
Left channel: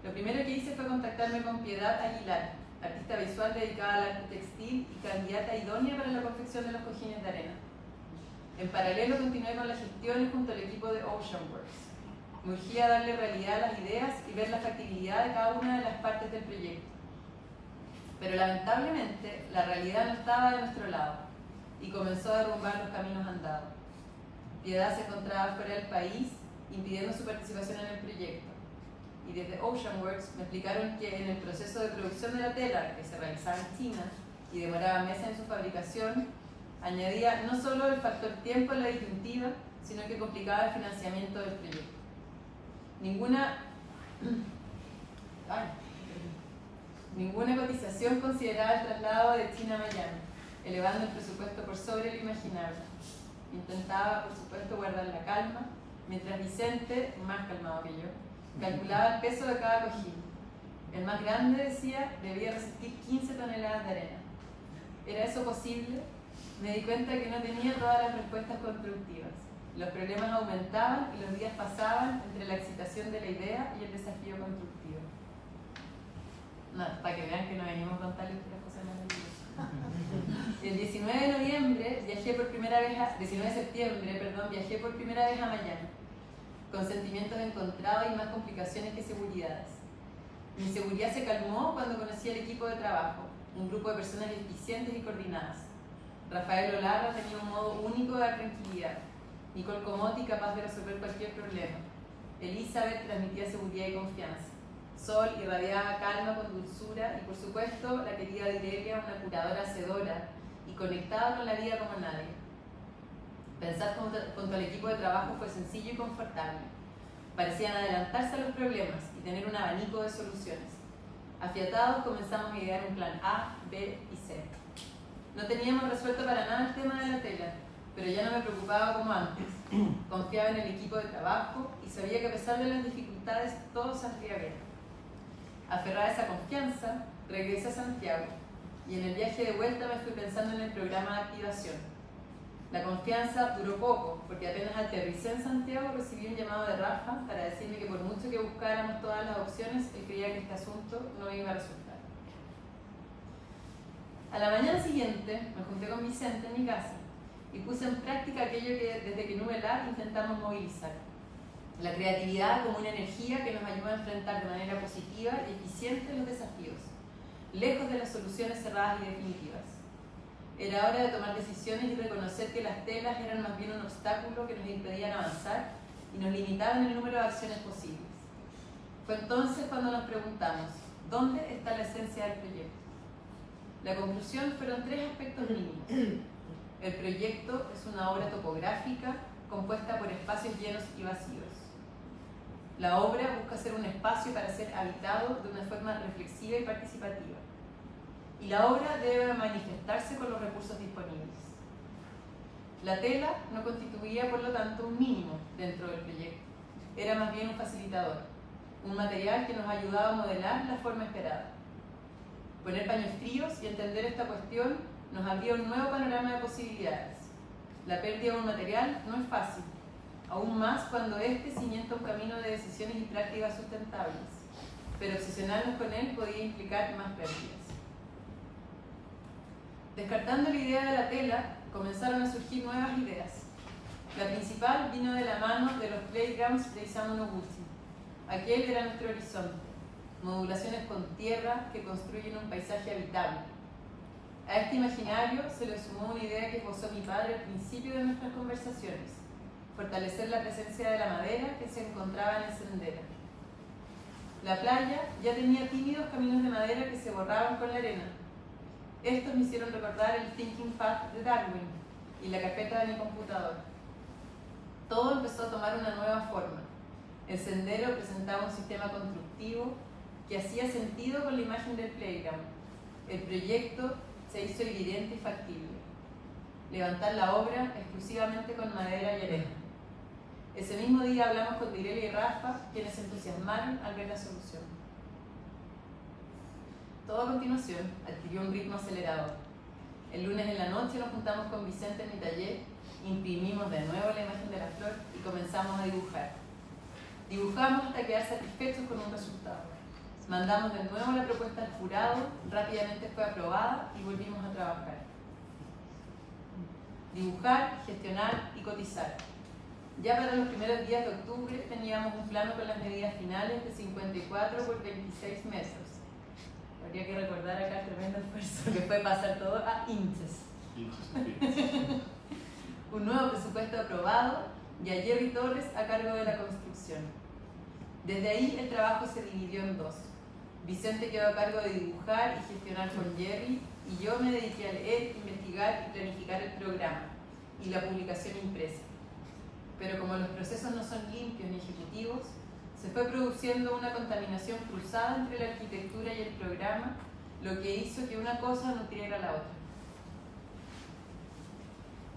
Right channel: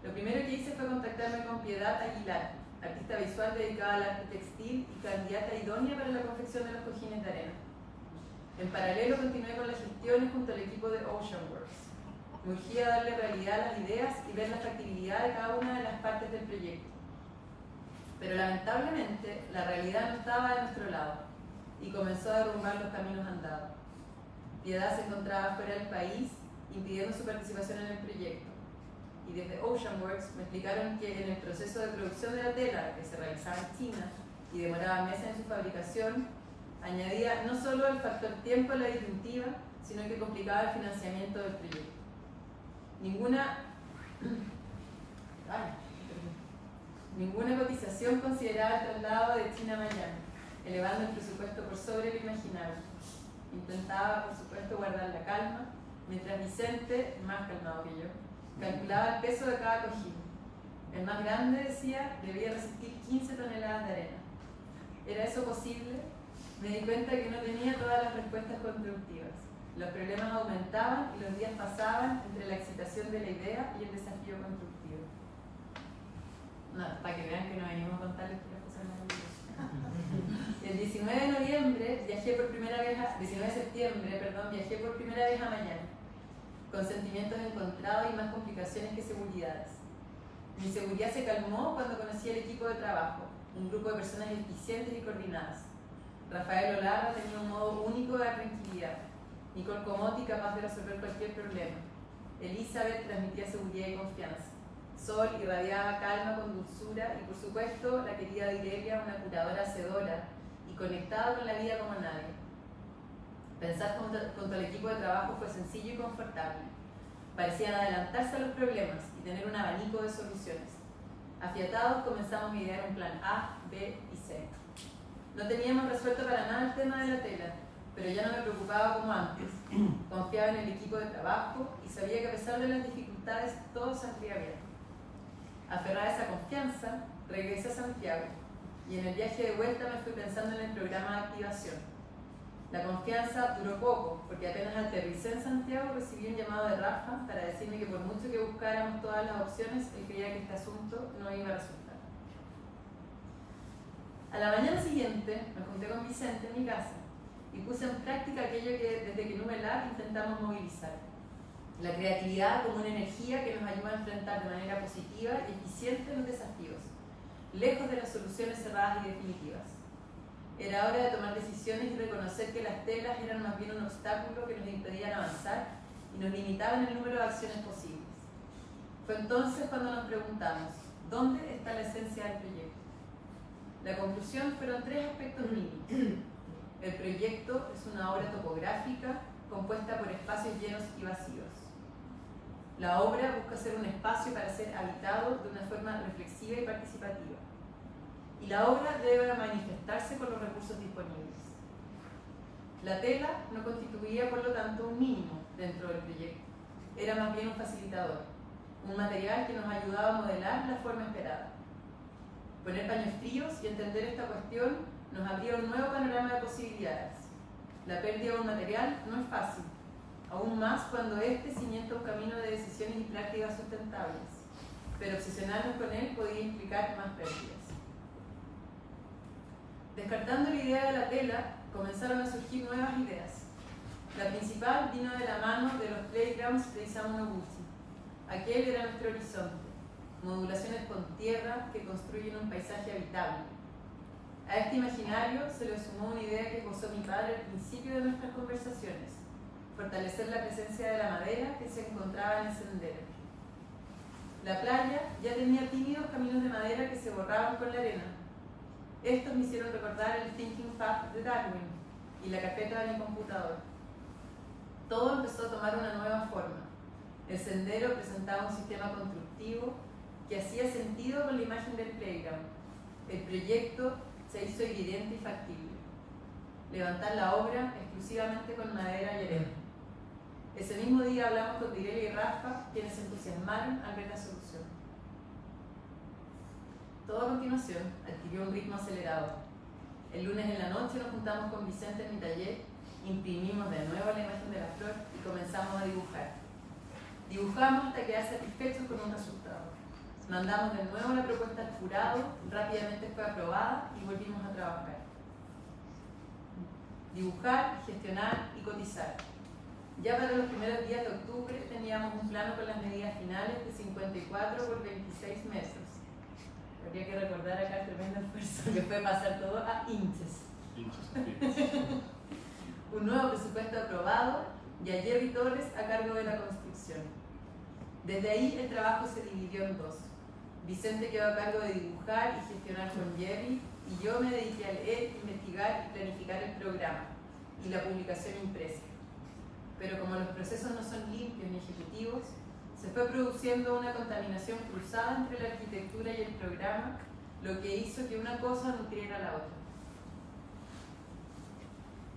Lo primero que hice fue contactarme con Piedad Aguilar, artista visual dedicada al arte textil y candidata idónea para la confección de los cojines de arena. En paralelo continué con las gestiones junto al equipo de Oceanworks. Me urgía darle realidad a las ideas y ver la factibilidad de cada una de las partes del proyecto. Pero lamentablemente la realidad no estaba de nuestro lado y comenzó a derrumbar los caminos andados. Piedad se encontraba fuera del país, impidiendo su participación en el proyecto. Y desde Oceanworks me explicaron que en el proceso de producción de la tela, que se realizaba en China y demoraba meses en su fabricación, añadía no solo el factor tiempo a la disyuntiva, sino que complicaba el financiamiento del proyecto. Ninguna cotización consideraba el traslado de China a Miami, elevando el presupuesto por sobre lo imaginable. Intentaba, por supuesto, guardar la calma, mientras Vicente, más calmado que yo, calculaba el peso de cada cojín. El más grande, decía, debía resistir 15 toneladas de arena. ¿Era eso posible? Me di cuenta que no tenía todas las respuestas constructivas. Los problemas aumentaban y los días pasaban entre la excitación de la idea y el desafío constructivo. No, para que vean que no venimos a contarles puras cosas maravillosas. El 19 de septiembre viajé por primera vez a Miami, con sentimientos encontrados y más complicaciones que seguridades. Mi inseguridad se calmó cuando conocí al equipo de trabajo, un grupo de personas eficientes y coordinadas. Rafael Olarra tenía un modo único de dar tranquilidad, Nicole Comotti capaz de resolver cualquier problema, Elizabeth transmitía seguridad y confianza, Sol irradiaba calma con dulzura y por supuesto la querida Direlia, una curadora hacedora y conectada con la vida como nadie. Pensar junto al equipo de trabajo fue sencillo y confortable. Parecían adelantarse a los problemas y tener un abanico de soluciones. Afiatados comenzamos a idear un plan A, B y C. No teníamos resuelto para nada el tema de la tela, pero ya no me preocupaba como antes. Confiaba en el equipo de trabajo y sabía que a pesar de las dificultades todo saldría bien. Aferrada a esa confianza, regresé a Santiago y en el viaje de vuelta me fui pensando en el programa de activación. La confianza duró poco, porque apenas aterricé en Santiago recibí un llamado de Rafa para decirme que por mucho que buscáramos todas las opciones, él creía que este asunto no iba a resultar. A la mañana siguiente me junté con Vicente en mi casa y puse en práctica aquello que desde que Numelar intentamos movilizar. La creatividad como una energía que nos ayuda a enfrentar de manera positiva y eficiente los desafíos, lejos de las soluciones cerradas y definitivas. Era hora de tomar decisiones y reconocer que las telas eran más bien un obstáculo que nos impedían avanzar y nos limitaban el número de acciones posibles. Fue entonces cuando nos preguntamos, ¿dónde está la esencia del proyecto? La conclusión fueron 3 aspectos mínimos. El proyecto es una obra topográfica compuesta por espacios llenos y vacíos. La obra busca ser un espacio para ser habitado de una forma reflexiva y participativa. Y la obra debe manifestarse con los recursos disponibles. La tela no constituía, por lo tanto, un mínimo dentro del proyecto. Era más bien un facilitador, un material que nos ayudaba a modelar la forma esperada. Poner paños fríos y entender esta cuestión nos abría un nuevo panorama de posibilidades. La pérdida de un material no es fácil, aún más cuando este cimienta un camino de decisiones y prácticas sustentables, pero obsesionarnos con él podía implicar más pérdidas. Descartando la idea de la tela, comenzaron a surgir nuevas ideas. La principal vino de la mano de los playgrounds de Isamu Noguchi. Aquel era nuestro horizonte, modulaciones con tierra que construyen un paisaje habitable. A este imaginario se le sumó una idea que posó mi padre al principio de nuestras conversaciones: fortalecer la presencia de la madera que se encontraba en el sendero. La playa ya tenía tímidos caminos de madera que se borraban con la arena. Estos me hicieron recordar el Thinking Path de Darwin y la carpeta de mi computador. Todo empezó a tomar una nueva forma. El sendero presentaba un sistema constructivo que hacía sentido con la imagen del playground. El proyecto se hizo evidente y factible. Levantar la obra exclusivamente con madera y arena. Ese mismo día hablamos con Direlia y Rafa, quienes se entusiasmaron al ver la solución. Todo a continuación adquirió un ritmo acelerado. El lunes en la noche nos juntamos con Vicente en mi taller Imprimimos de nuevo la imagen de la flor y comenzamos a dibujar. Dibujamos hasta quedar satisfechos con un resultado. Mandamos de nuevo la propuesta al jurado, rápidamente fue aprobada y volvimos a trabajar. Dibujar, gestionar y cotizar. Ya para los primeros días de octubre teníamos un plano con las medidas finales de 54 por 26 metros. Habría que recordar acá el tremendo esfuerzo que fue pasar todo a inches. Un nuevo presupuesto aprobado y a Jerry Torres a cargo de la construcción. Desde ahí el trabajo se dividió en dos. Vicente quedó a cargo de dibujar y gestionar con Jerry y yo me dediqué a leer, investigar y planificar el programa y la publicación impresa. Pero como los procesos no son limpios ni ejecutivos, se fue produciendo una contaminación cruzada entre la arquitectura y el programa, lo que hizo que una cosa nutriera a la otra.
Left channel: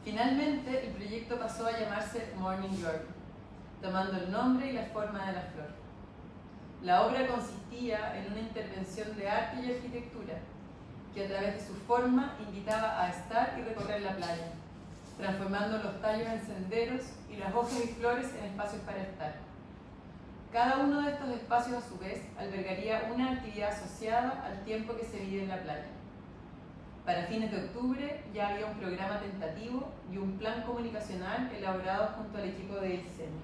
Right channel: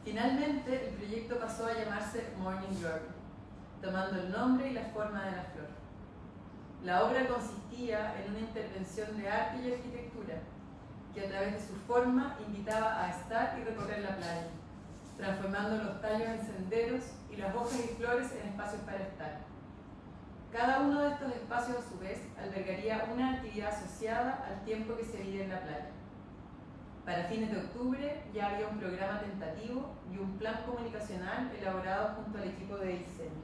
Finalmente, el proyecto pasó a llamarse Morning Glory, tomando el nombre y la forma de la flor. La obra consistía en una intervención de arte y arquitectura, que a través de su forma invitaba a estar y recorrer la playa, transformando los tallos en senderos y las hojas y flores en espacios para estar. Cada uno de estos espacios, a su vez, albergaría una actividad asociada al tiempo que se vive en la playa. Para fines de octubre ya había un programa tentativo y un plan comunicacional elaborado junto al equipo de diseño.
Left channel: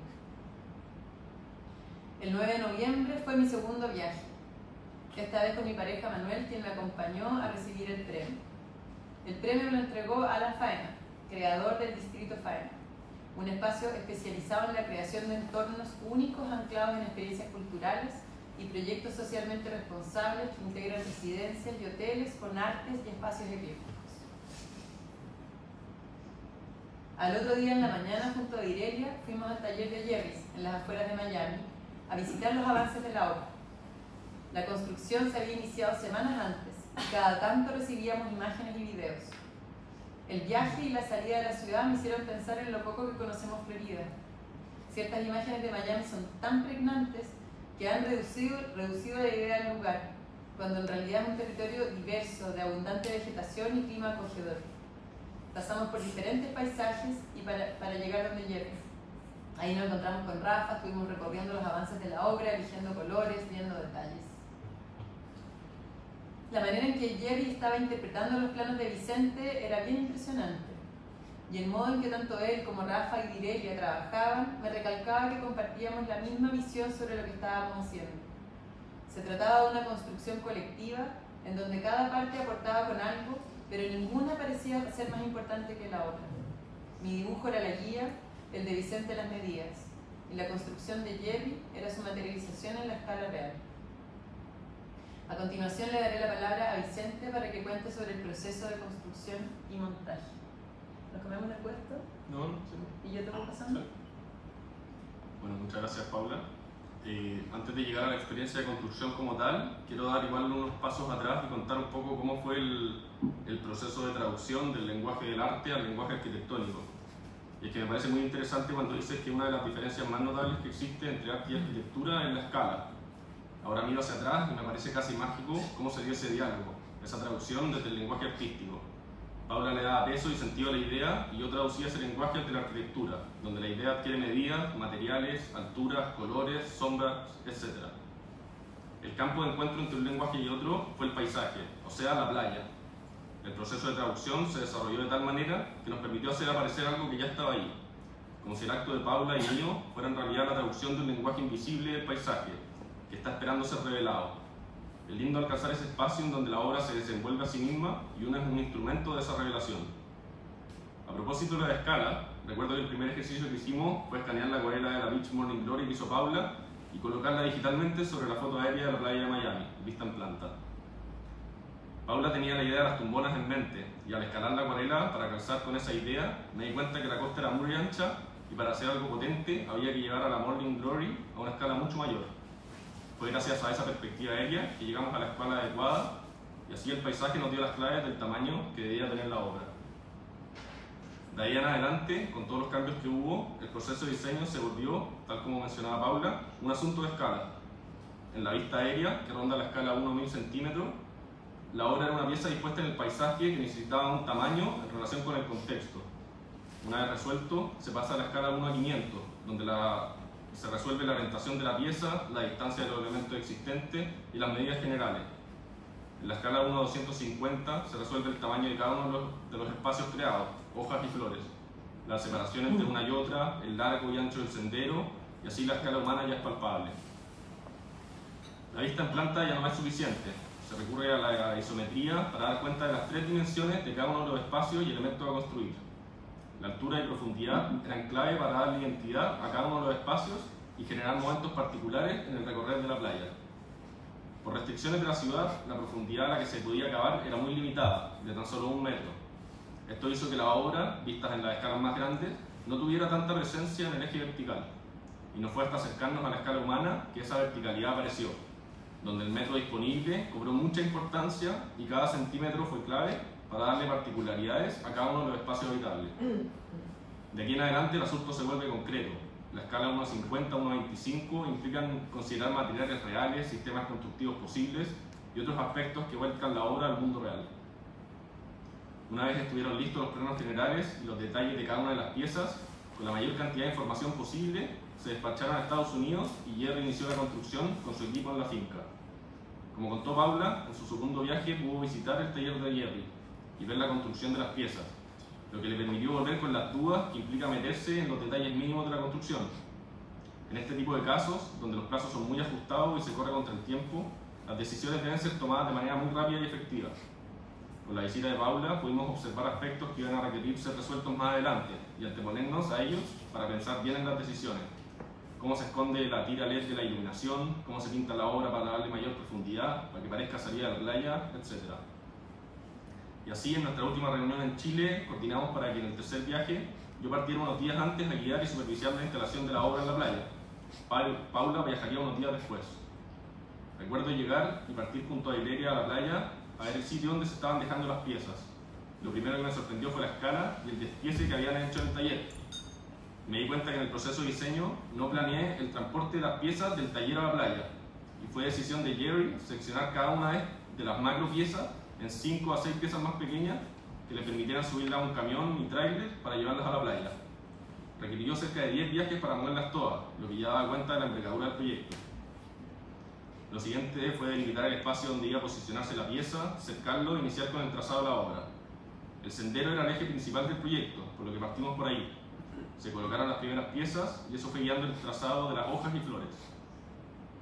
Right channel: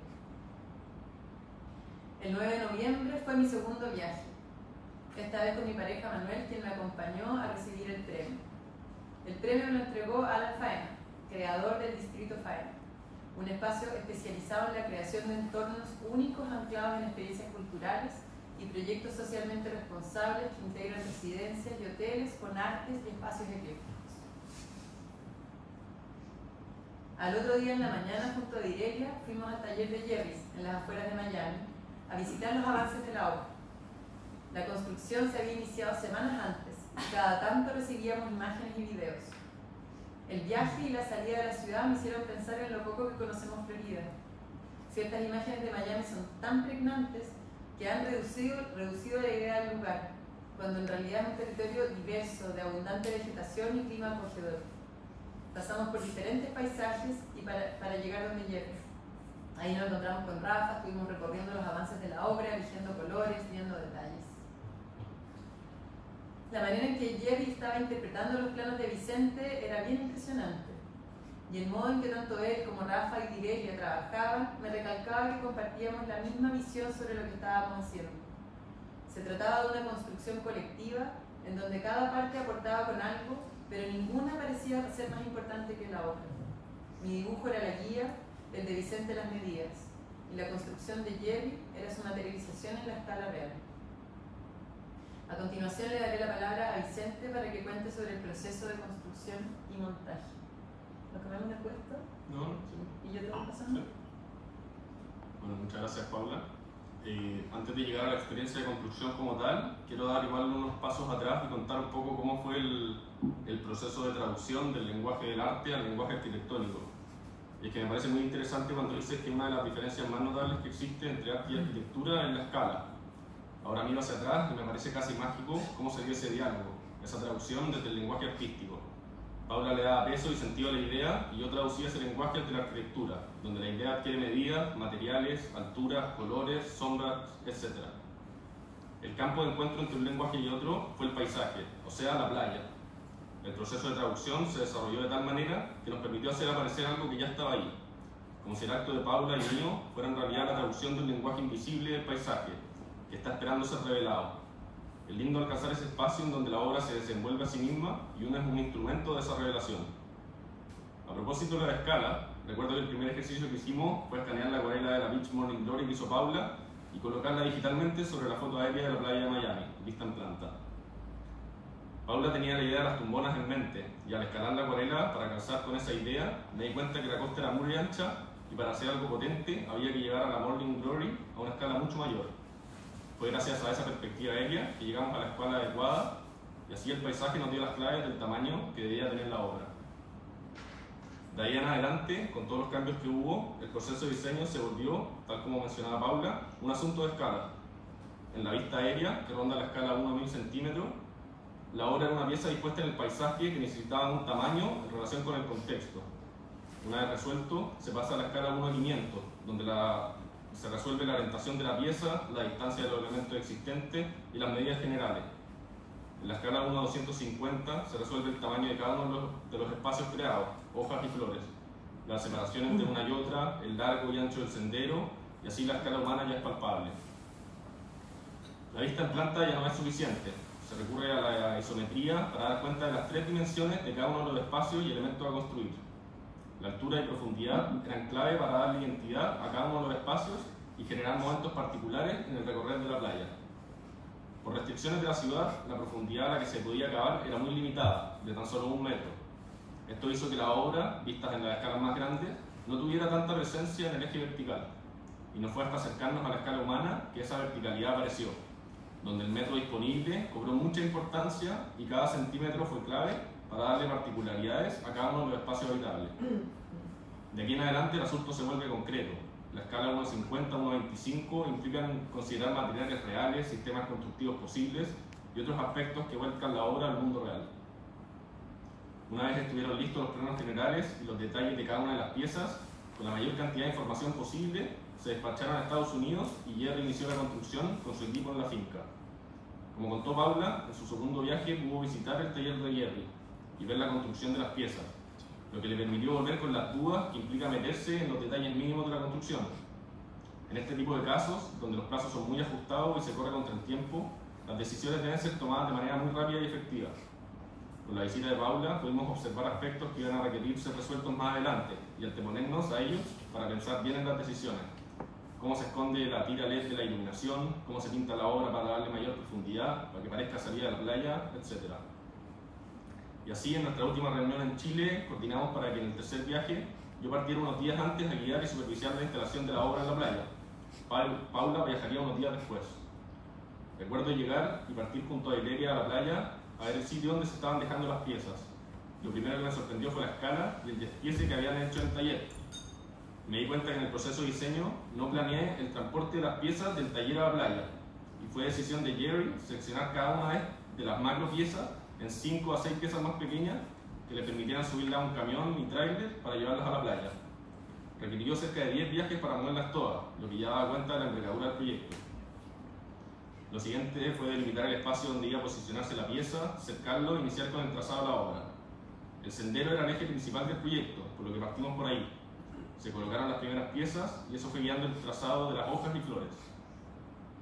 El 9 de noviembre fue mi segundo viaje, esta vez con mi pareja Manuel, quien me acompañó a recibir el premio. El premio me lo entregó Alan Faena, creador del Distrito Faena, un espacio especializado en la creación de entornos únicos anclados en experiencias culturales y proyectos socialmente responsables que integran residencias y hoteles con artes y espacios eclécticos. Al otro día en la mañana, junto a Direlia, fuimos al taller de Jerry's, en las afueras de Miami, a visitar los avances de la obra. La construcción se había iniciado semanas antes y cada tanto recibíamos imágenes y videos. El viaje y la salida de la ciudad me hicieron pensar en lo poco que conocemos Florida. Ciertas imágenes de Miami son tan pregnantes que han reducido la idea del lugar, cuando en realidad es un territorio diverso, de abundante vegetación y clima acogedor. Pasamos por diferentes paisajes y para llegar donde Jerry. Ahí nos encontramos con Rafa, estuvimos recorriendo los avances de la obra, eligiendo colores, viendo detalles. La manera en que Jerry estaba interpretando los planos de Vicente era bien impresionante. Y el modo en que tanto él como Rafa y Direlia trabajaban me recalcaba que compartíamos la misma visión sobre lo que estábamos haciendo. Se trataba de una construcción colectiva en donde cada parte aportaba con algo, pero ninguna parecía ser más importante que la otra. Mi dibujo era la guía, el de Vicente las medidas, y la construcción de Jerry era su materialización en la escala real. A continuación le daré la palabra a Vicente para que cuente sobre el proceso de construcción y montaje. ¿Nos comemos del puesto? No, sí. ¿Y yo te voy pasando? Sí. Bueno, muchas gracias, Paula. Antes de llegar a la experiencia de construcción como tal, quiero dar igual unos pasos atrás y contar un poco cómo fue el proceso de traducción del lenguaje del arte al lenguaje arquitectónico. Y es que me parece muy interesante cuando dices que una de las diferencias más notables que existe entre arte y arquitectura es la escala. Ahora miro hacia atrás y me parece casi mágico cómo se dio ese diálogo, esa traducción desde el lenguaje artístico. Paula le daba peso y sentido a la idea y yo traducía ese lenguaje de la arquitectura, donde la idea adquiere medidas, materiales, alturas, colores, sombras, etc. El campo de encuentro entre un lenguaje y otro fue el paisaje, o sea, la playa. El proceso de traducción se desarrolló de tal manera que nos permitió hacer aparecer algo que ya estaba ahí, como si el acto de Paula y mío fuera en realidad la traducción de un lenguaje invisible del paisaje, que está esperando ser revelado. Es lindo alcanzar ese espacio en donde la obra se desenvuelve a sí misma y uno es un instrumento de esa revelación. A propósito de la escala, recuerdo que el primer ejercicio que hicimos fue escanear la acuarela de la Beach Morning Glory que hizo Paula y colocarla digitalmente sobre la foto aérea de la playa de Miami, vista en planta. Paula tenía la idea de las tumbonas en mente y al escalar la acuarela para calzar con esa idea me di cuenta que la costa era muy ancha y para hacer algo potente había que llevar a la Morning Glory a una escala mucho mayor. Fue gracias a esa perspectiva aérea que llegamos a la escala adecuada y así el paisaje nos dio las claves del tamaño que debía tener la obra. De ahí en adelante, con todos los cambios que hubo, el proceso de diseño se volvió, tal como mencionaba Paula, un asunto de escala. En la vista aérea, que ronda la escala 1 a 1000 centímetros, la obra era una pieza dispuesta en el paisaje que necesitaba un tamaño en relación con el contexto. Una vez resuelto, se pasa a la escala 1 a 500, donde se resuelve la orientación de la pieza, la distancia de los elementos existentes y las medidas generales. En la escala 1 a 250 se resuelve el tamaño de cada uno de los espacios creados, hojas y flores, la separación entre una y otra, el largo y ancho del sendero, y así la escala humana ya es palpable. La vista en planta ya no es suficiente. Se recurre a la isometría para dar cuenta de las 3 dimensiones de cada uno de los espacios y elementos a construir. La altura y profundidad eran clave para darle identidad a cada uno de los espacios y generar momentos particulares en el recorrer de la playa. Por restricciones de la ciudad, la profundidad a la que se podía cavar era muy limitada, de tan solo 1 metro. Esto hizo que la obra, vistas en las escalas más grandes, no tuviera tanta presencia en el eje vertical. Y no fue hasta acercarnos a la escala humana que esa verticalidad apareció, donde el metro disponible cobró mucha importancia y cada centímetro fue clave para darle particularidades a cada uno de los espacios habitables. De aquí en adelante el asunto se vuelve concreto. La escala 1.50, 1.25 implican considerar materiales reales, sistemas constructivos posibles y otros aspectos que vuelcan la obra al mundo real. Una vez estuvieron listos los planos generales y los detalles de cada una de las piezas, con la mayor cantidad de información posible, se despacharon a Estados Unidos y Jerry inició la construcción con su equipo en la finca. Como contó Paula, en su segundo viaje pudo visitar el taller de Jerry y ver la construcción de las piezas, lo que le permitió volver con las dudas que implica meterse en los detalles mínimos de la construcción. En este tipo de casos, donde los plazos son muy ajustados y se corre contra el tiempo, las decisiones deben ser tomadas de manera muy rápida y efectiva. Con la visita de Paula pudimos observar aspectos que iban a requerir ser resueltos más adelante y anteponernos a ellos para pensar bien en las decisiones. Cómo se esconde la tira LED de la iluminación, cómo se pinta la obra para darle mayor profundidad, para que parezca salida de la playa, etc. Y así, en nuestra última reunión en Chile, coordinamos para que en el tercer viaje yo partiera unos días antes a guiar y supervisar la instalación de la obra en la playa. Paula viajaría unos días después. Recuerdo llegar y partir junto a Ileria a la playa a ver el sitio donde se estaban dejando las piezas. Lo primero que me sorprendió fue la escala y el despiece que habían hecho en el taller. Me di cuenta que en el proceso de diseño no planeé el transporte de las piezas del taller a la playa, y fue decisión de Jerry seccionar cada una de las macro piezas en 5 a 6 piezas más pequeñas que le permitieran subirlas a un camión y tráiler para llevarlas a la playa. Requirió cerca de 10 viajes para moverlas todas, lo que ya daba cuenta de la envergadura del proyecto. Lo siguiente fue delimitar el espacio donde iba a posicionarse la pieza, cercarlo e iniciar con el trazado de la obra. El sendero era el eje principal del proyecto, por lo que partimos por ahí. Se colocaron las primeras piezas y eso fue guiando el trazado de las hojas y flores.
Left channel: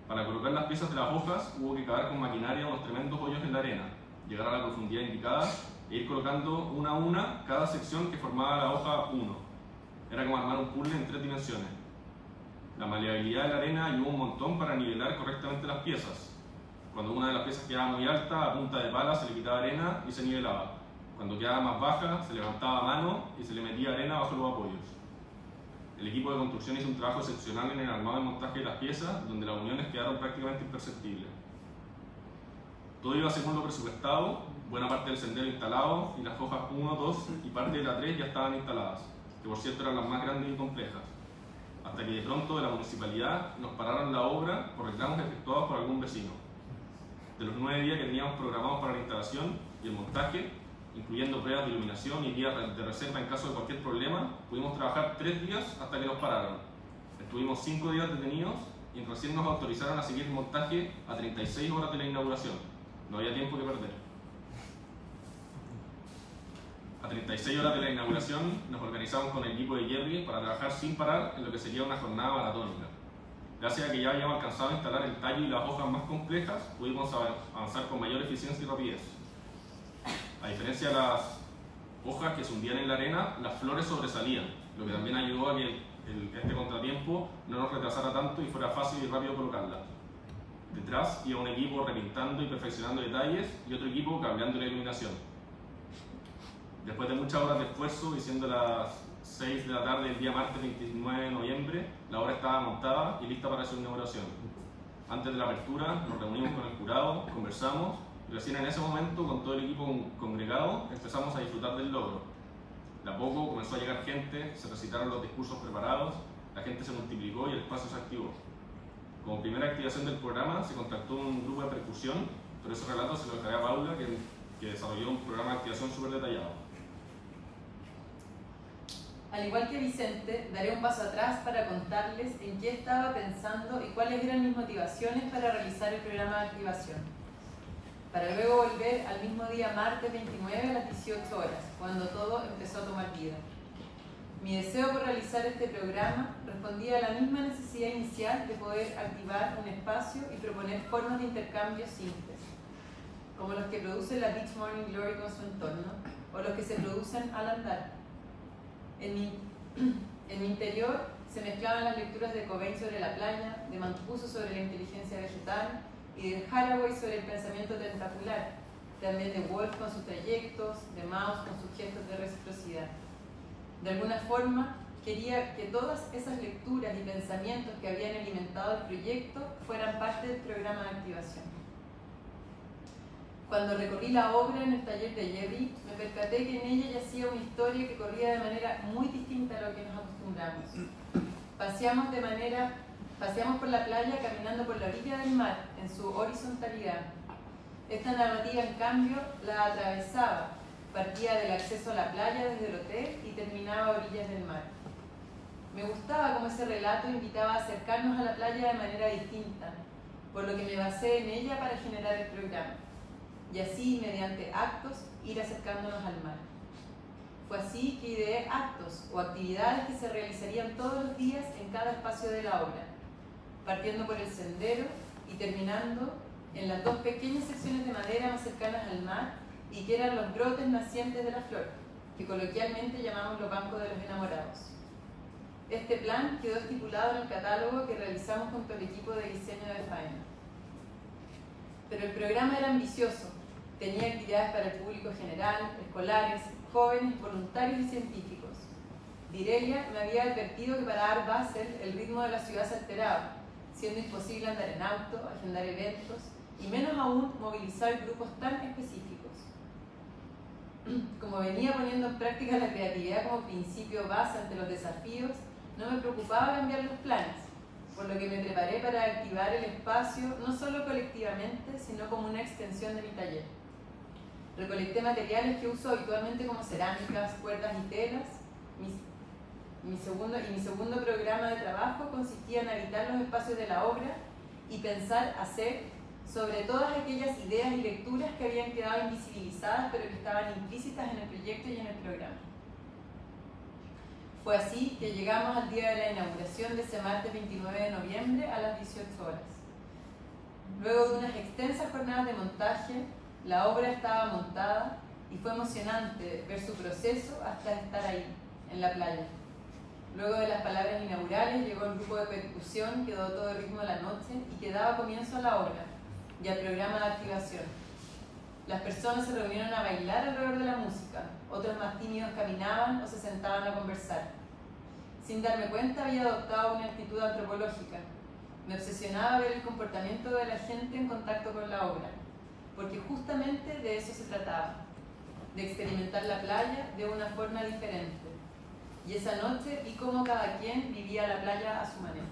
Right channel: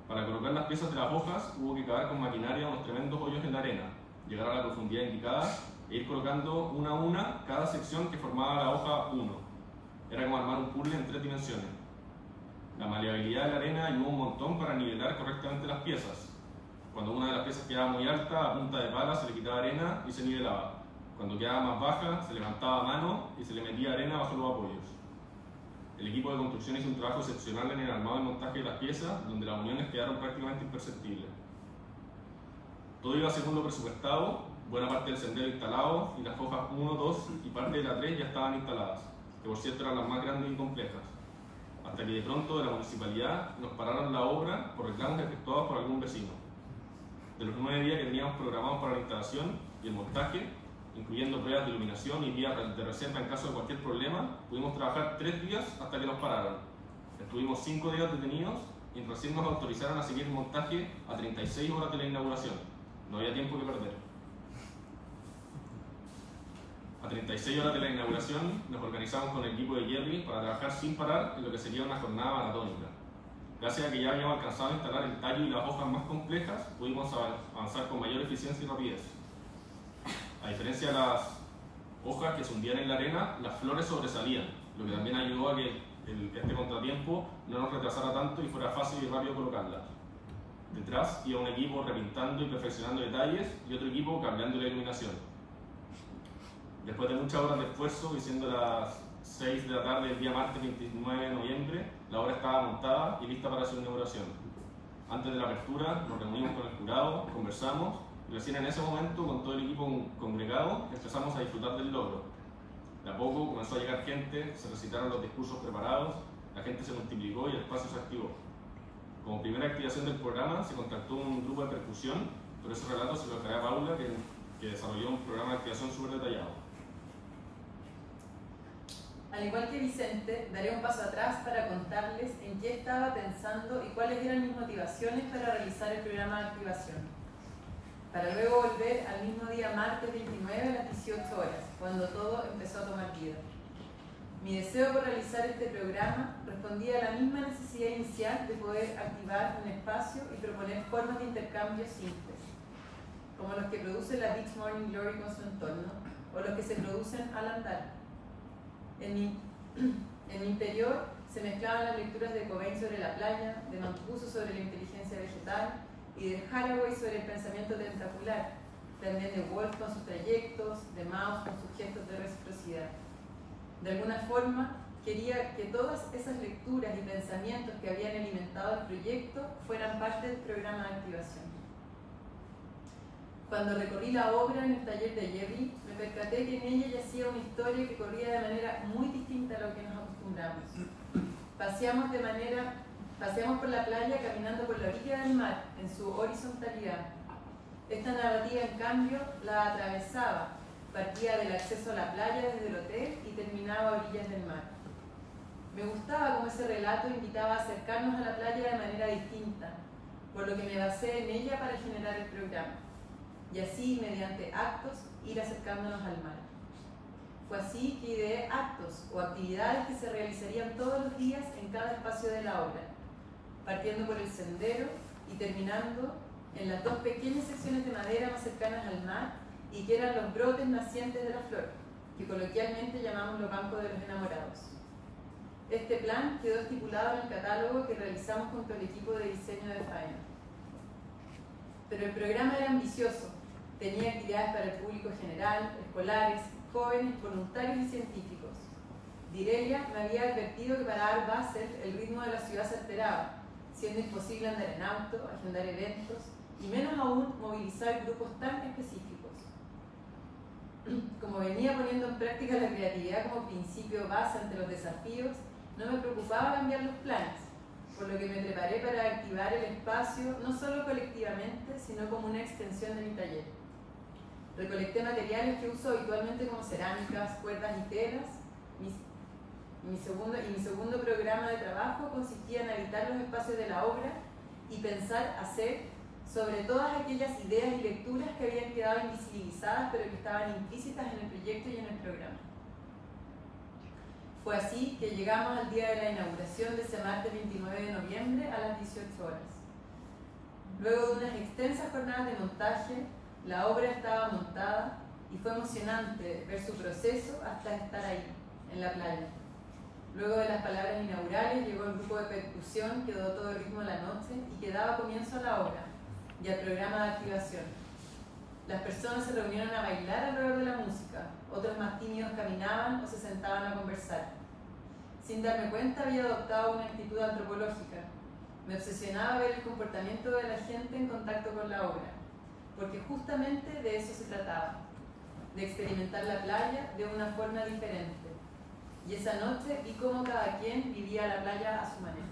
Para colocar las piezas de las hojas hubo que cavar con maquinaria unos tremendos hoyos en la arena, llegar a la profundidad indicada e ir colocando una a una cada sección que formaba la hoja 1. Era como armar un puzzle en 3 dimensiones. La maleabilidad de la arena ayudó un montón para nivelar correctamente las piezas. Cuando una de las piezas quedaba muy alta, a punta de pala se le quitaba arena y se nivelaba. Cuando quedaba más baja, se levantaba a mano y se le metía arena bajo los apoyos. El equipo de construcción hizo un trabajo excepcional en el armado y montaje de las piezas, donde las uniones quedaron prácticamente imperceptibles. Todo iba según lo presupuestado, buena parte del sendero instalado y las hojas 1, 2 y parte de la 3 ya estaban instaladas, que por cierto eran las más grandes y complejas. Hasta que de pronto de la municipalidad nos pararon la obra por reclamos efectuados por algún vecino. De los 9 días que teníamos programados para la instalación y el montaje, incluyendo pruebas de iluminación y días de reserva en caso de cualquier problema, pudimos trabajar 3 días hasta que nos pararon. Estuvimos 5 días detenidos y recién nos autorizaron a seguir el montaje a 36 horas de la inauguración. No había tiempo que perder. A 36 horas de la inauguración nos organizamos con el equipo de Jerry para trabajar sin parar en lo que sería una jornada maratónica. Gracias a que ya habíamos alcanzado a instalar el tallo y las hojas más complejas, pudimos avanzar con mayor eficiencia y rapidez. A diferencia de las hojas que se hundían en la arena, las flores sobresalían, lo que también ayudó a que este contratiempo no nos retrasara tanto y fuera fácil y rápido colocarlas. Detrás iba un equipo repintando y perfeccionando detalles y otro equipo cambiando la iluminación. Después de muchas horas de esfuerzo y siendo las 6 de la tarde del día martes 29 de noviembre, la obra estaba montada y lista para su inauguración. Antes de la apertura nos reunimos con el jurado, conversamos y recién en ese momento, con todo el equipo congregado, empezamos a disfrutar del logro. De a poco comenzó a llegar gente, se recitaron los discursos preparados, la gente se multiplicó y el espacio se activó. Como primera activación del programa se contactó un grupo de percusión, pero ese relato se lo encargué a Paula, que desarrolló un programa de activación súper detallado. Al igual que Vicente, daré un paso atrás para contarles en qué estaba pensando y cuáles eran mis motivaciones para realizar el programa de activación. Para luego volver al mismo día, martes 29 a las 18 horas, cuando todo empezó a tomar vida. Mi deseo por realizar este programa respondía a la misma necesidad inicial de poder activar un espacio y proponer formas de intercambio simples, como los que produce la Beach Morning Glory con su entorno, o los que se producen al andar. En mi interior se mezclaban las lecturas de Cobain sobre la playa, de Mancuso sobre la inteligencia vegetal y de Haraway sobre el pensamiento tentacular, también de Wolf con sus trayectos, de Mauss con sus gestos de reciprocidad. De alguna forma, quería que todas esas lecturas y pensamientos que habían alimentado el proyecto fueran parte del programa de activación. Cuando recorrí la obra en el taller de Jerry, me percaté que en ella yacía una historia que corría de manera muy distinta a lo que nos acostumbramos. Paseamos por la playa caminando por la orilla del mar, en su horizontalidad. Esta narrativa, en cambio, la atravesaba. Partía del acceso a la playa desde el hotel y terminaba a orillas del mar. Me gustaba cómo ese relato invitaba a acercarnos a la playa de manera distinta, por lo que me basé en ella para generar el programa. Y así, mediante actos, ir acercándonos al mar. Fue así que ideé actos o actividades que se realizarían todos los días en cada espacio de la obra, partiendo por el sendero y terminando en las dos pequeñas secciones de madera más cercanas al mar y que eran los brotes nacientes de la flor, que coloquialmente llamamos los bancos de los enamorados. Este plan quedó estipulado en el catálogo que realizamos junto al equipo de diseño de Faena. Pero el programa era ambicioso. Tenía actividades para el público general, escolares, jóvenes, voluntarios y científicos. Direlia me había advertido que para dar Basel el ritmo de la ciudad se alteraba, siendo imposible andar en auto, agendar eventos y menos aún movilizar grupos tan específicos. Como venía poniendo en práctica la creatividad como principio base ante los desafíos, no me preocupaba cambiar los planes, por lo que me preparé para activar el espacio no solo colectivamente, sino como una extensión de mi taller. Recolecté materiales que uso habitualmente como cerámicas, cuerdas y telas. Mi segundo programa de trabajo consistía en habitar los espacios de la obra y pensar hacer sobre todas aquellas ideas y lecturas que habían quedado invisibilizadas pero que estaban implícitas en el proyecto y en el programa. Fue así que llegamos al día de la inauguración de ese martes 29 de noviembre a las 18 horas. Luego de unas extensas jornadas de montaje, la obra estaba montada y fue emocionante ver su proceso hasta estar ahí, en la playa. Luego de las palabras inaugurales llegó el grupo de percusión que dotó el ritmo de la noche y que daba comienzo a la obra y al programa de activación. Las personas se reunieron a bailar alrededor de la música, otros más tímidos caminaban o se sentaban a conversar. Sin darme cuenta había adoptado una actitud antropológica. Me obsesionaba ver el comportamiento de la gente en contacto con la obra, porque justamente de eso se trataba, de experimentar la playa de una forma diferente. Y esa noche vi cómo cada quien vivía la playa a su manera.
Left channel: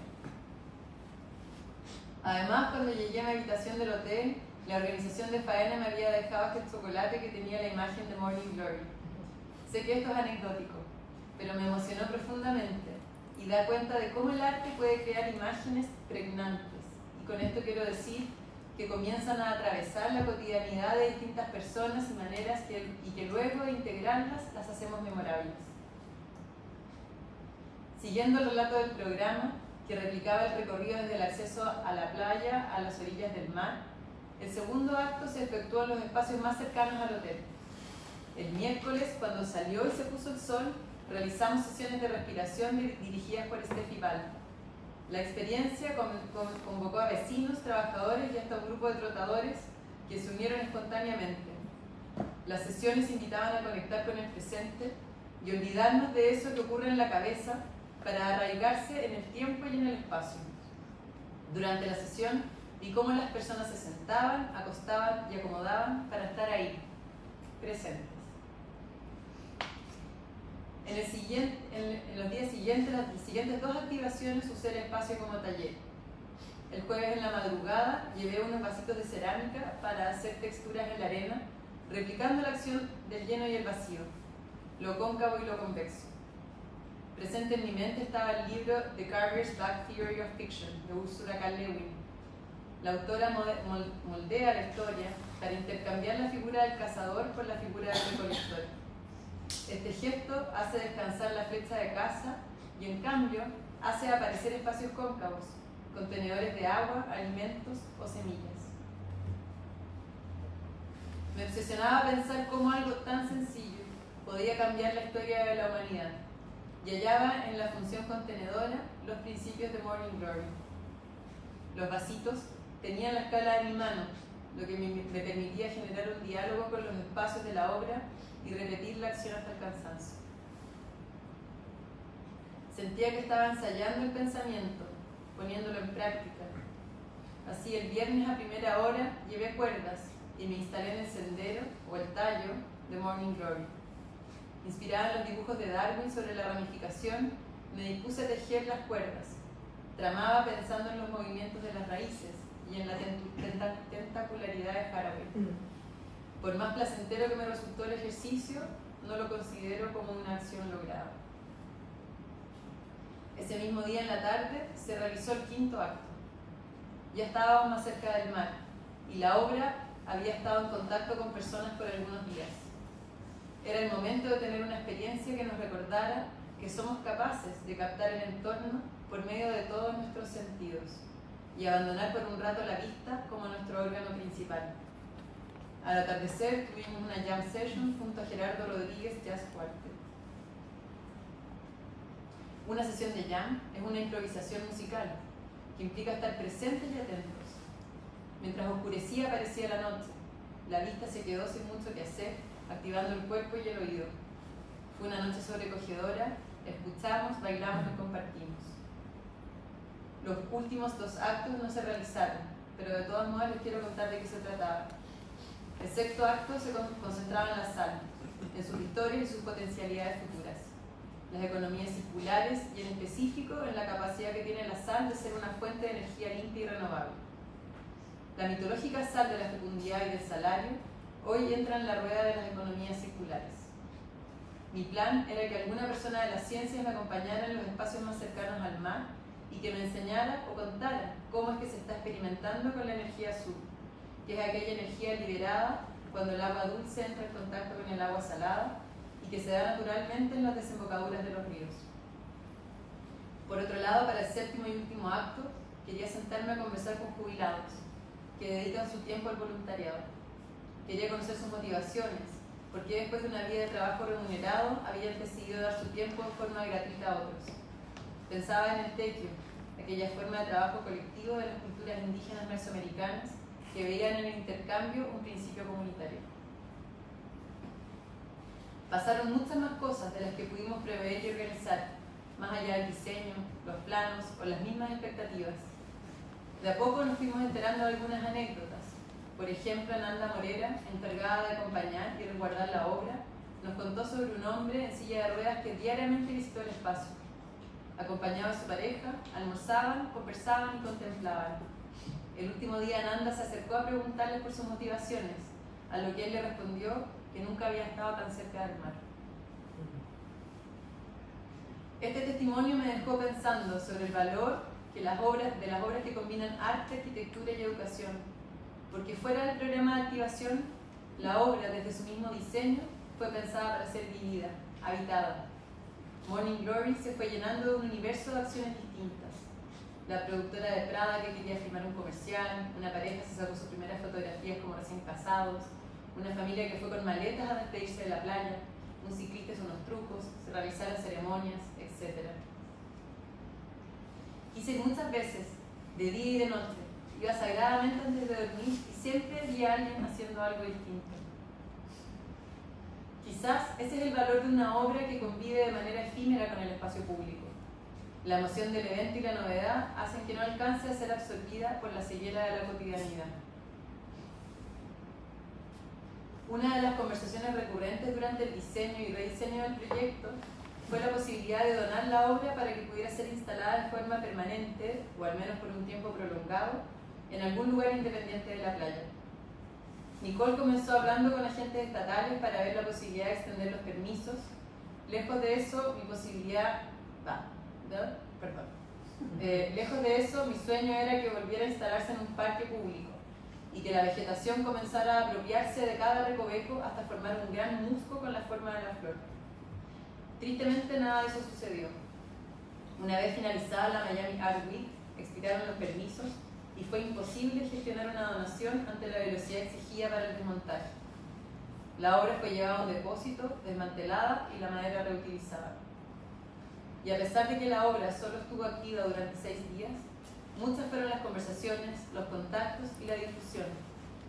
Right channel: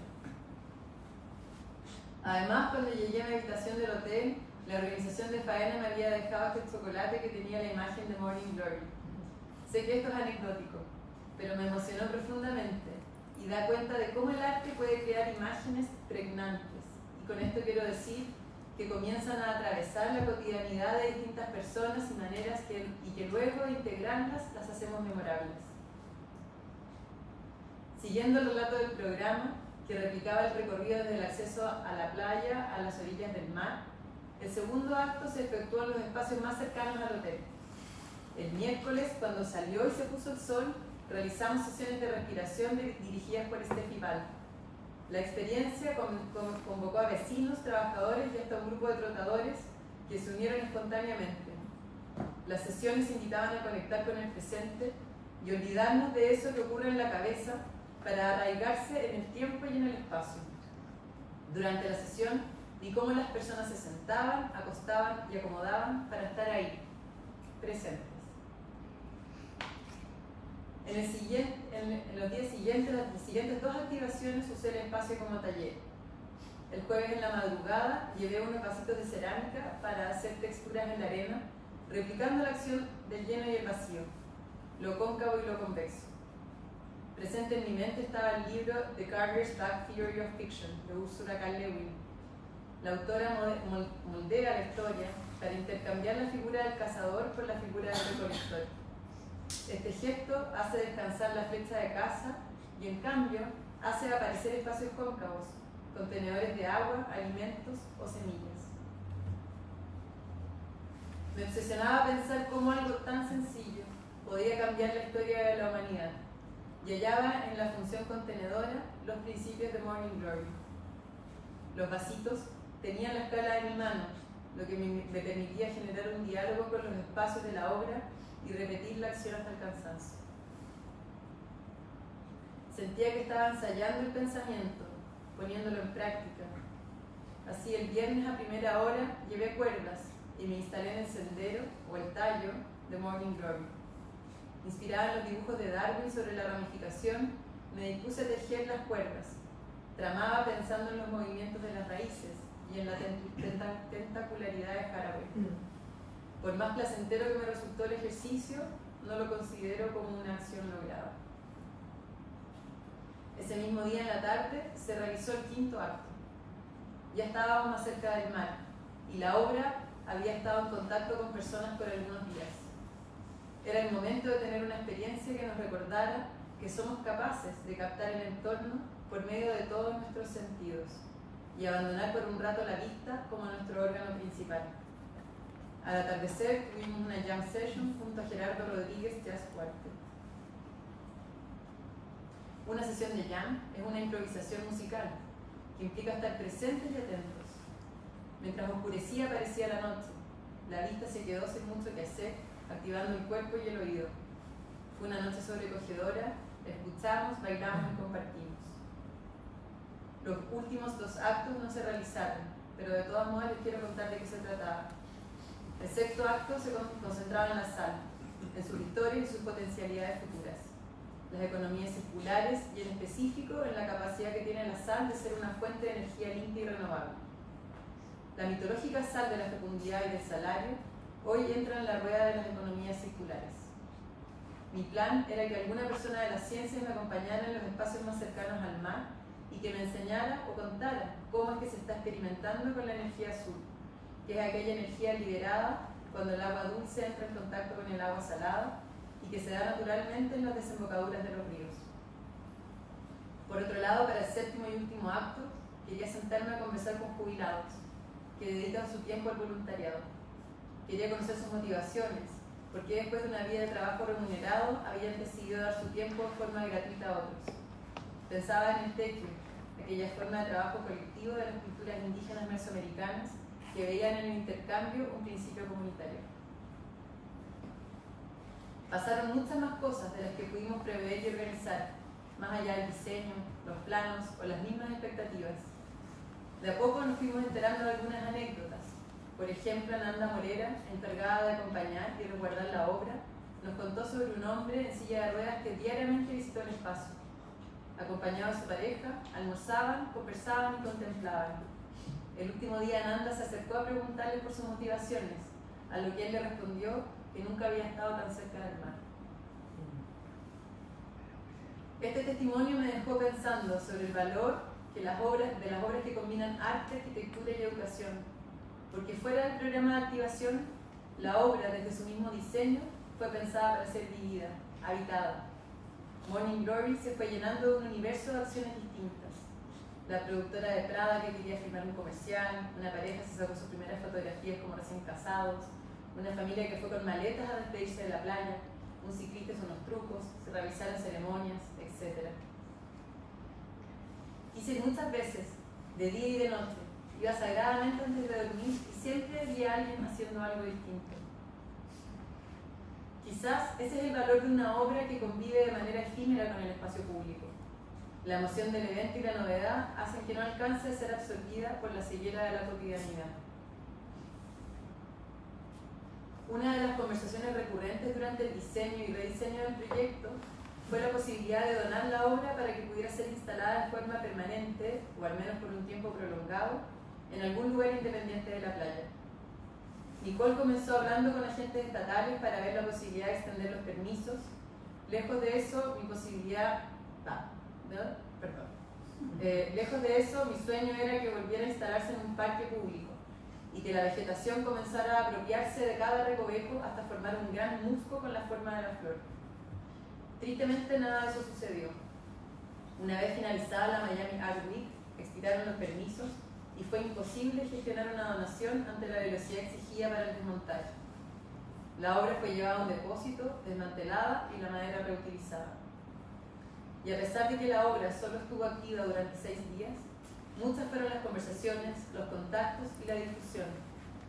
Además, cuando llegué a mi habitación del hotel, la organización de Faena me había dejado aquel chocolate que tenía la imagen de Morning Glory. Sé que esto es anecdótico, pero me emocionó profundamente y da cuenta de cómo el arte puede crear imágenes pregnantes. Y con esto quiero decir que comienzan a atravesar la cotidianidad de distintas personas y maneras y que luego de integrarlas las hacemos memorables. Siguiendo el relato del programa, que replicaba el recorrido desde el acceso a la playa a las orillas del mar, el segundo acto se efectuó en los espacios más cercanos al hotel. El miércoles, cuando salió y se puso el sol, realizamos sesiones de respiración dirigidas por Steffi Ball. La experiencia convocó a vecinos, trabajadores y hasta un grupo de trotadores que se unieron espontáneamente. Las sesiones invitaban a conectar con el presente y olvidarnos de eso que ocurre en la cabeza para arraigarse en el tiempo y en el espacio. Durante la sesión vi cómo las personas se sentaban, acostaban y acomodaban para estar ahí, presentes. En los días siguientes, las siguientes dos activaciones usé el espacio como taller. El jueves en la madrugada llevé unos vasitos de cerámica para hacer texturas en la arena, replicando la acción del lleno y el vacío, lo cóncavo y lo convexo. Presente en mi mente estaba el libro The Carrier's Back Theory of Fiction, de Ursula K. Le Guin. La autora moldea la historia para intercambiar la figura del cazador por la figura del recolector. Este gesto hace descansar la flecha de caza y, en cambio, hace aparecer espacios cóncavos, contenedores de agua, alimentos o semillas. Me obsesionaba pensar cómo algo tan sencillo podía cambiar la historia de la humanidad, y hallaba en la función contenedora los principios de Morning Glory. Los vasitos tenían la escala de mi mano, lo que me permitía generar un diálogo con los espacios de la obra y repetir la acción hasta el cansancio. Sentía que estaba ensayando el pensamiento, poniéndolo en práctica. Así, el viernes a primera hora llevé cuerdas y me instalé en el sendero o el tallo de Morning Glory. Inspirada en los dibujos de Darwin sobre la ramificación, me dispuse a tejer las cuerdas. Tramaba pensando en los movimientos de las raíces y en la tentacularidad de Haraway. Por más placentero que me resultó el ejercicio, no lo considero como una acción lograda. Ese mismo día en la tarde se realizó el quinto acto. Ya estábamos más cerca del mar y la obra había estado en contacto con personas por algunos días. Era el momento de tener una experiencia que nos recordara que somos capaces de captar el entorno por medio de todos nuestros sentidos y abandonar por un rato la vista como nuestro órgano principal. Al atardecer tuvimos una jam session junto a Gerardo Rodríguez Jazz Quartet. Una sesión de jam es una improvisación musical que implica estar presentes y atentos. Mientras oscurecía aparecía la noche. La vista se quedó sin mucho que hacer, activando el cuerpo y el oído. Fue una noche sobrecogedora, escuchamos, bailamos y compartimos. Los últimos dos actos no se realizaron, pero de todas modos les quiero contar de qué se trataba. El sexto acto se concentraba en la sal, en sus historias y sus potencialidades futuras, las economías circulares y en específico en la capacidad que tiene la sal de ser una fuente de energía limpia y renovable. La mitológica sal de la fecundidad y del salario hoy entra en la rueda de las economías circulares. Mi plan era que alguna persona de las ciencias me acompañara en los espacios más cercanos al mar y que me enseñara o contara cómo es que se está experimentando con la energía azul, que es aquella energía liberada cuando el agua dulce entra en contacto con el agua salada y que se da naturalmente en las desembocaduras de los ríos. Por otro lado, para el séptimo y último acto, quería sentarme a conversar con jubilados que dedican su tiempo al voluntariado. Quería conocer sus motivaciones, porque después de una vida de trabajo remunerado habían decidido dar su tiempo de forma gratuita a otros. Pensaba en el tequio, aquella forma de trabajo colectivo de las culturas indígenas mesoamericanas que veían en el intercambio un principio comunitario. Pasaron muchas más cosas de las que pudimos prever y organizar, más allá del diseño, los planos o las mismas expectativas. De a poco nos fuimos enterando de algunas anécdotas. Por ejemplo, Nanda Morera, encargada de acompañar y resguardar la obra, nos contó sobre un hombre en silla de ruedas que diariamente visitó el espacio. Acompañaba a su pareja, almorzaban, conversaban y contemplaban. El último día Nanda se acercó a preguntarle por sus motivaciones, a lo que él le respondió que nunca había estado tan cerca del mar. Este testimonio me dejó pensando sobre el valor de las obras que combinan arte, arquitectura y educación, porque fuera del programa de activación, la obra desde su mismo diseño fue pensada para ser vivida, habitada. Morning Glory se fue llenando de un universo de acciones distintas. La productora de Prada que quería filmar un comercial, una pareja se sacó sus primeras fotografías como recién casados, una familia que fue con maletas a despedirse de la playa, un ciclista hizo unos trucos, se realizaron ceremonias, etc. Quise ir muchas veces, de día y de noche. Iba sagradamente antes de dormir y siempre vi a alguien haciendo algo distinto. Quizás ese es el valor de una obra que convive de manera efímera con el espacio público. La emoción del evento y la novedad hacen que no alcance a ser absorbida por la ceguera de la cotidianidad. Una de las conversaciones recurrentes durante el diseño y rediseño del proyecto fue la posibilidad de donar la obra para que pudiera ser instalada de forma permanente, o al menos por un tiempo prolongado, en algún lugar independiente de la playa. Nicole comenzó hablando con agentes estatales para ver la posibilidad de extender los permisos. Lejos de eso, mi posibilidad Lejos de eso, mi sueño era que volviera a instalarse en un parque público y que la vegetación comenzara a apropiarse de cada recoveco hasta formar un gran musgo con la forma de la flor. Tristemente nada de eso sucedió. Una vez finalizada la Miami Art Week, expiraron los permisos y fue imposible gestionar una donación ante la velocidad exigida para el desmontaje. La obra fue llevada a un depósito, desmantelada y la madera reutilizada. Y a pesar de que la obra solo estuvo activa durante 6 días, muchas fueron las conversaciones, los contactos y la difusión,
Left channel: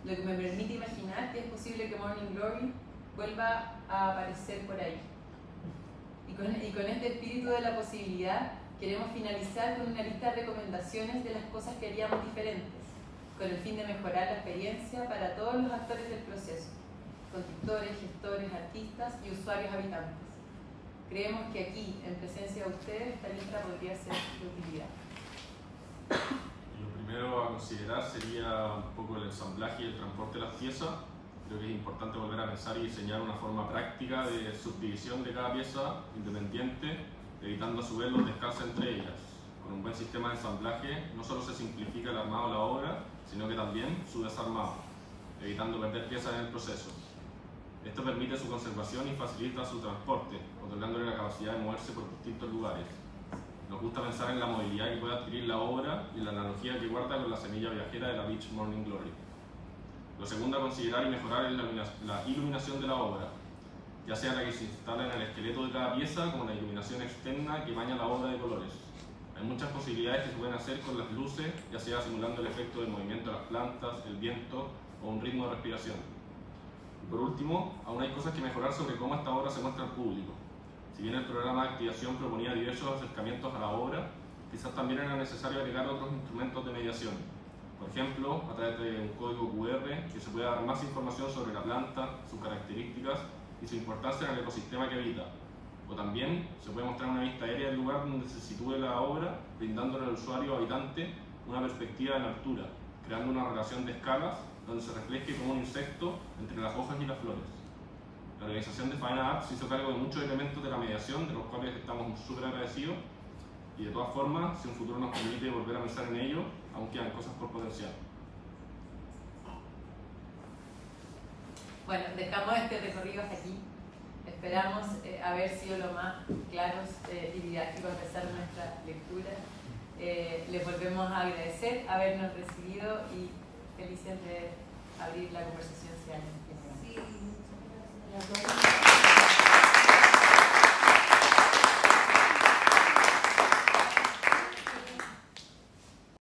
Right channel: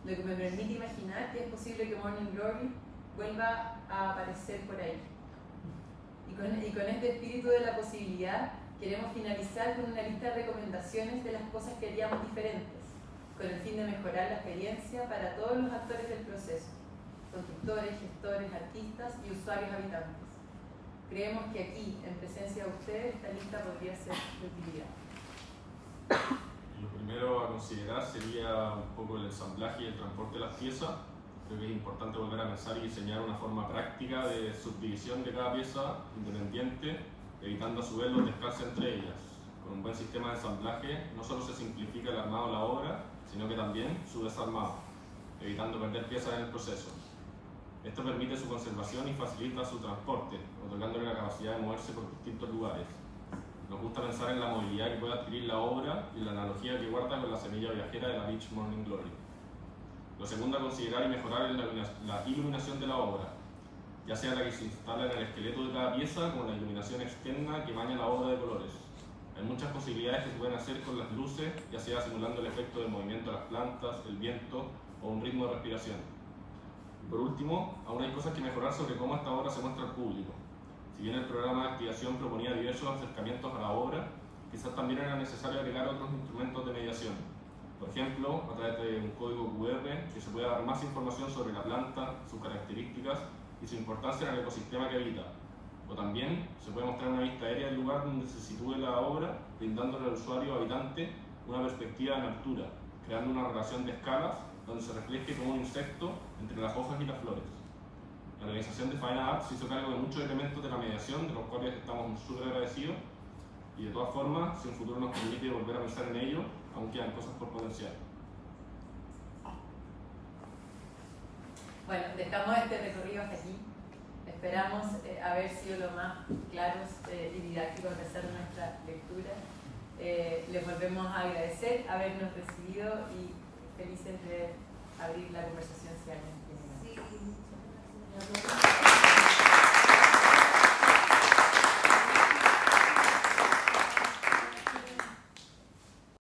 lo que me permite imaginar que es posible que Morning Glory vuelva a aparecer por ahí. Y con este espíritu de la posibilidad, queremos finalizar con una lista de recomendaciones de las cosas que haríamos diferentes, con el fin de mejorar la experiencia para todos los actores del proceso, constructores, gestores, artistas y usuarios habitantes. Creemos que aquí, en presencia de ustedes, esta lista podría ser de utilidad. Lo primero a considerar sería un poco el ensamblaje y el transporte de las piezas. Creo que es importante volver a pensar y diseñar una forma práctica de subdivisión de cada pieza independiente, evitando a su vez los descansos entre ellas. Con un buen sistema de ensamblaje no solo se simplifica el armado de la obra, sino que también su desarmado, evitando perder piezas en el proceso. Esto permite su conservación y facilita su transporte, otorgándole la capacidad de moverse por distintos lugares. Nos gusta pensar en la movilidad que puede adquirir la obra y la analogía que guarda con la semilla viajera de la Beach Morning Glory. Lo segundo a considerar y mejorar es la iluminación de la obra, ya sea la que se instala en el esqueleto de cada pieza como la iluminación externa que baña la obra de colores. Hay muchas posibilidades que se pueden hacer con las luces, ya sea simulando el efecto de movimiento de las plantas, el viento o un ritmo de respiración. Y por último, aún hay cosas que mejorar sobre cómo esta obra se muestra al público. Si bien el programa de activación proponía diversos acercamientos a la obra, quizás también era necesario agregar otros instrumentos de mediación. Por ejemplo, a través de un código QR que se pueda dar más información sobre la planta, sus características y su importancia en el ecosistema que habita. O también se puede mostrar una vista aérea del lugar donde se sitúe la obra, brindándole al usuario habitante una perspectiva en altura, creando una relación de escalas donde se refleje como un insecto entre las hojas y las flores. La organización de Faena Art se hizo cargo de muchos elementos de la mediación, de los cuales estamos súper agradecidos, y de todas formas, si un futuro nos permite volver a pensar en ello, aún quedan cosas por potenciar. Bueno, dejamos este recorrido hasta aquí. Esperamos haber sido lo más claros y didácticos a pesar de nuestra lectura. Les volvemos a agradecer habernos recibido y felices de abrir la conversación si alguien tiene ganas. Sí, muchas gracias.